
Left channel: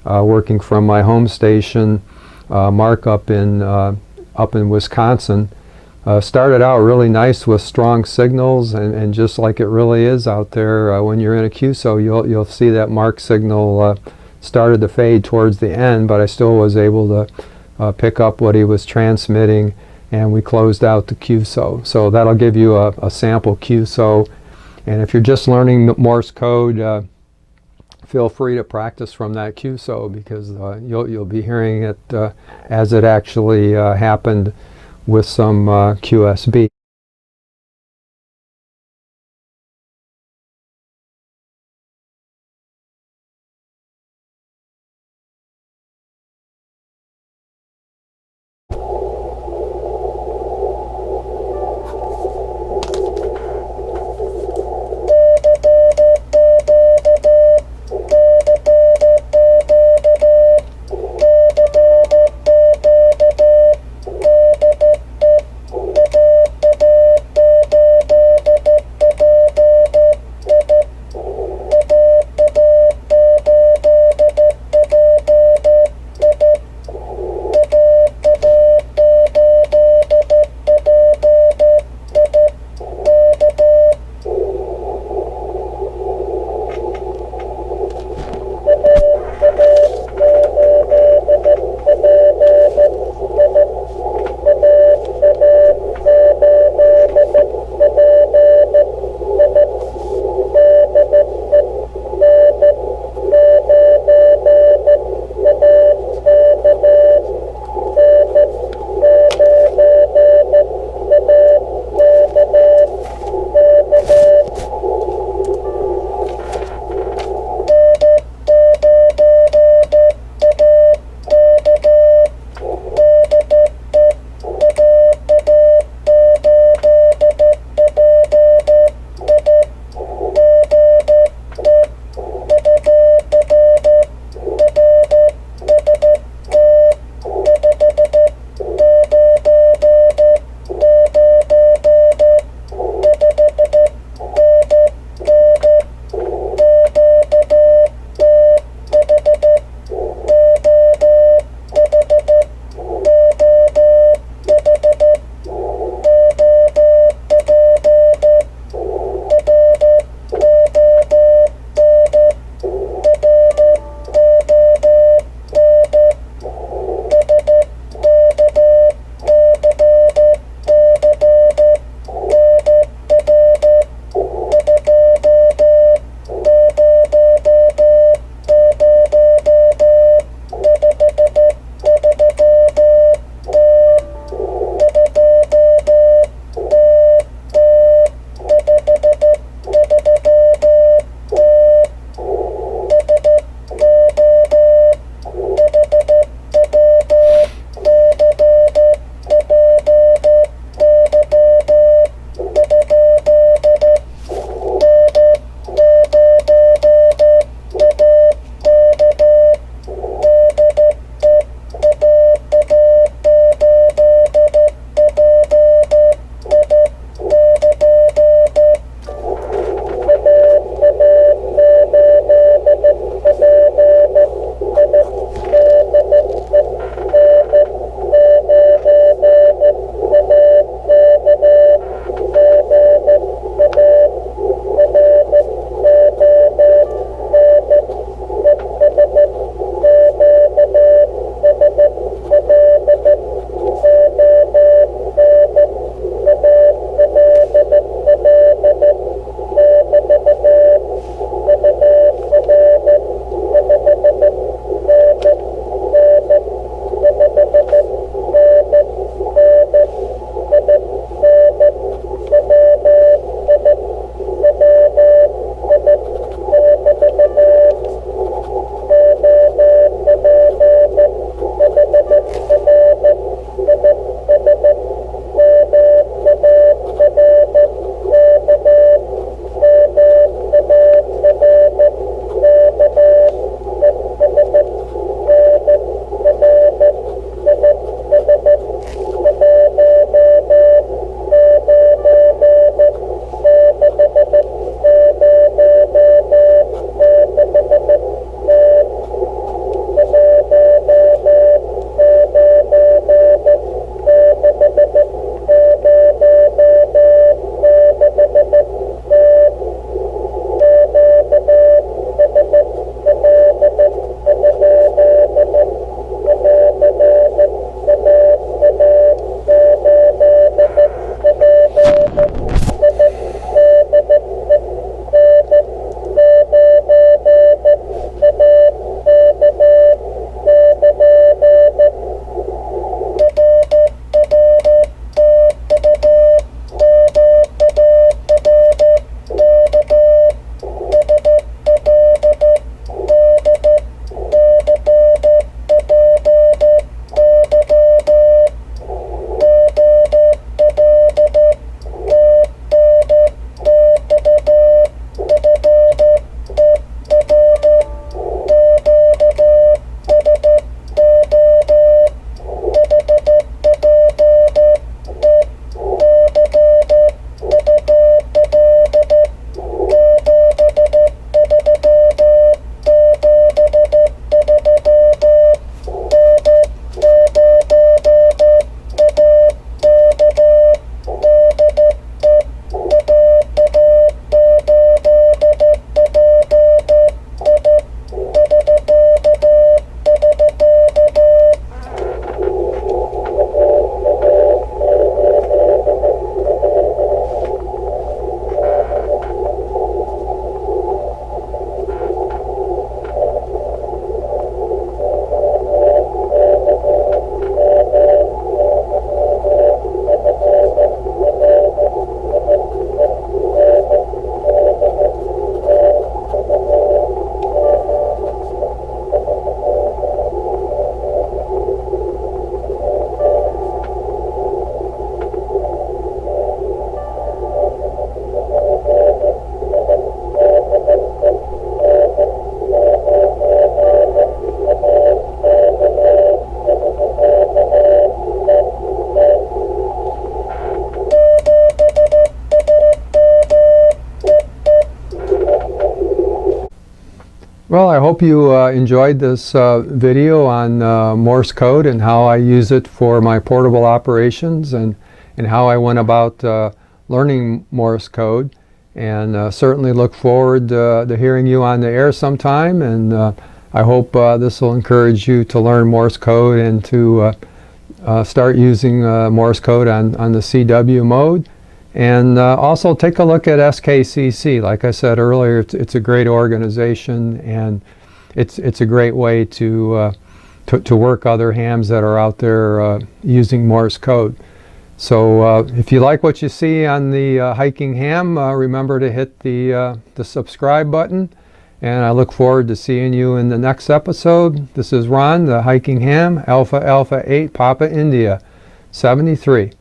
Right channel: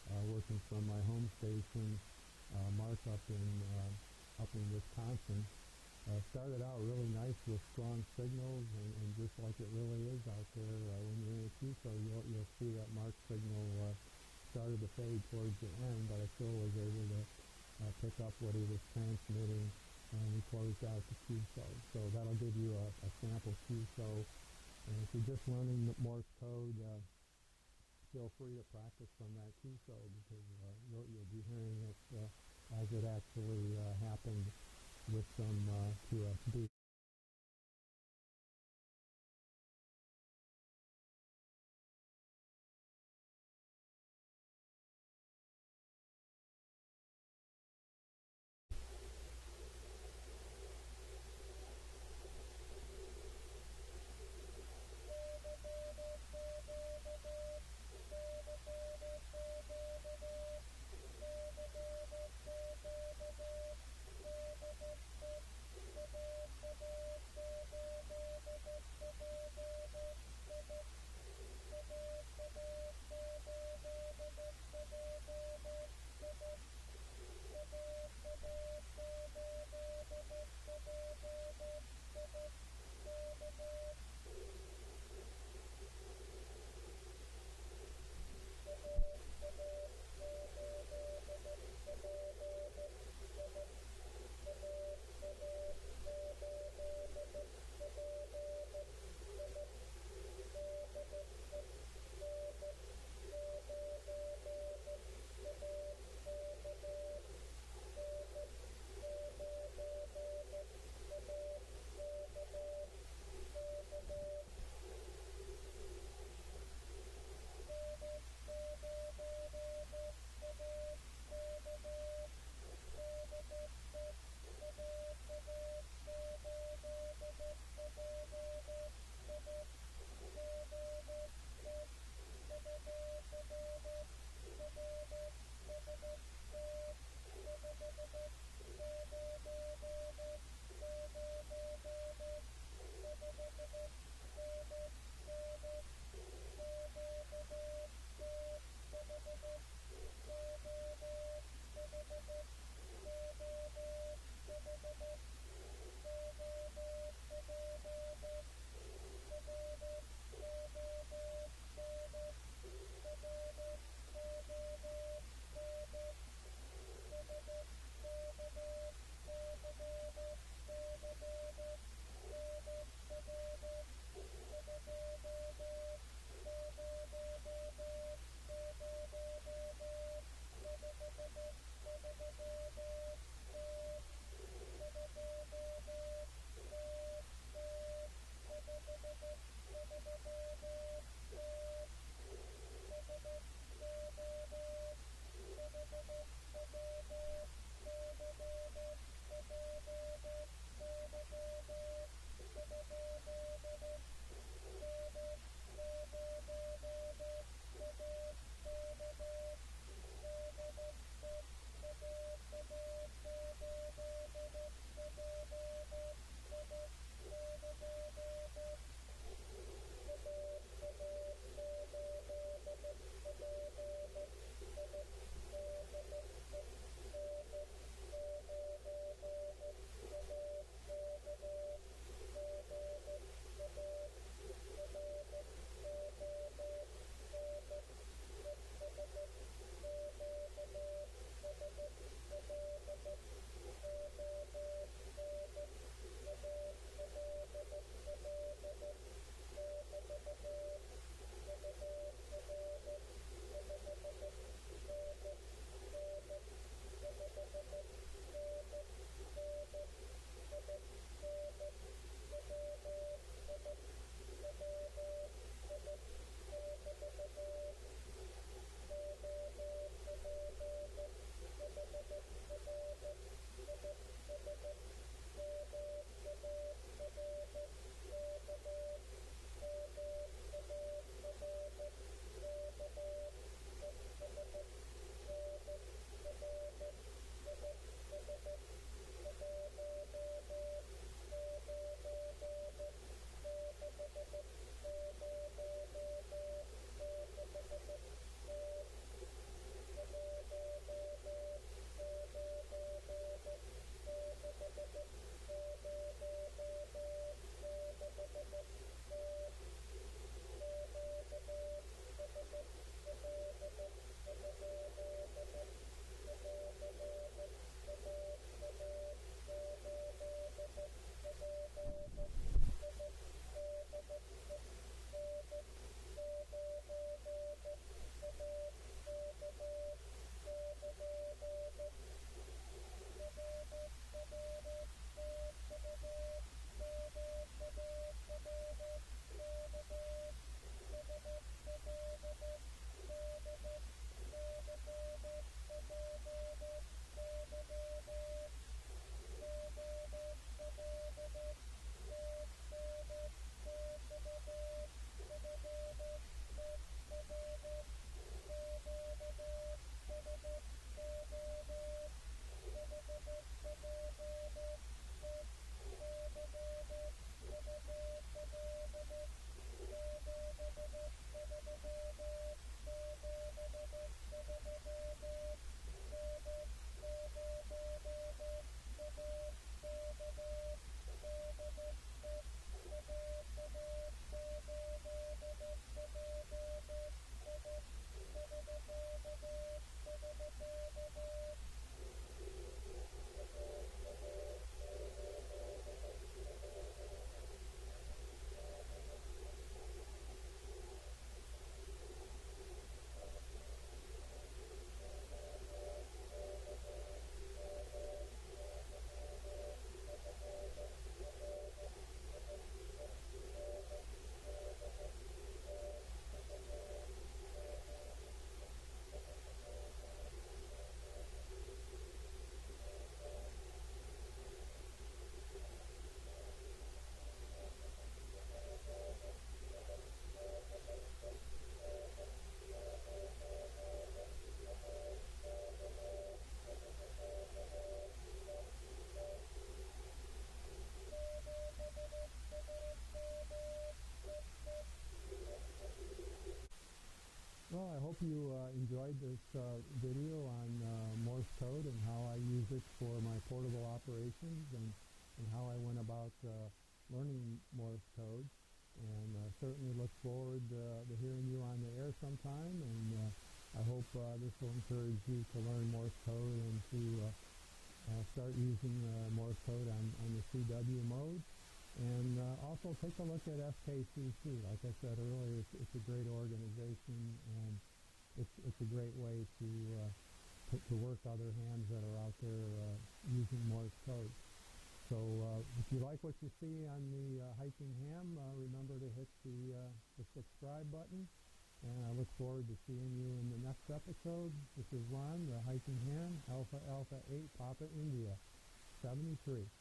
working from my home station, Mark up in Wisconsin. Started out really nice with strong signals, and just like it really is out there when you're in a QSO, you'll see that Mark signal started to fade towards the end, but I still was able to pick up what he was transmitting, and we closed out the QSO. So that'll give you a sample QSO. And if you're just learning Morse code, feel free to practice from that QSO, because you'll be hearing it as it actually happened with some QSB. Well, I hope you enjoyed this video on Morse code and how I use it for my portable operations, and how I went about learning Morse code. And certainly look forward to hearing you on the air sometime. And I hope this will encourage you to learn Morse code and to start using Morse code on the CW mode. And also take a look at SKCC. Like I said earlier, it's a great organization, and it's a great way to work other hams that are out there using Morse code. So if you like what you see on the hiking ham, remember to hit the subscribe button. And I look forward to seeing you in the next episode. This is Ron, the hiking ham, Alpha Alpha 8 Papa India 73.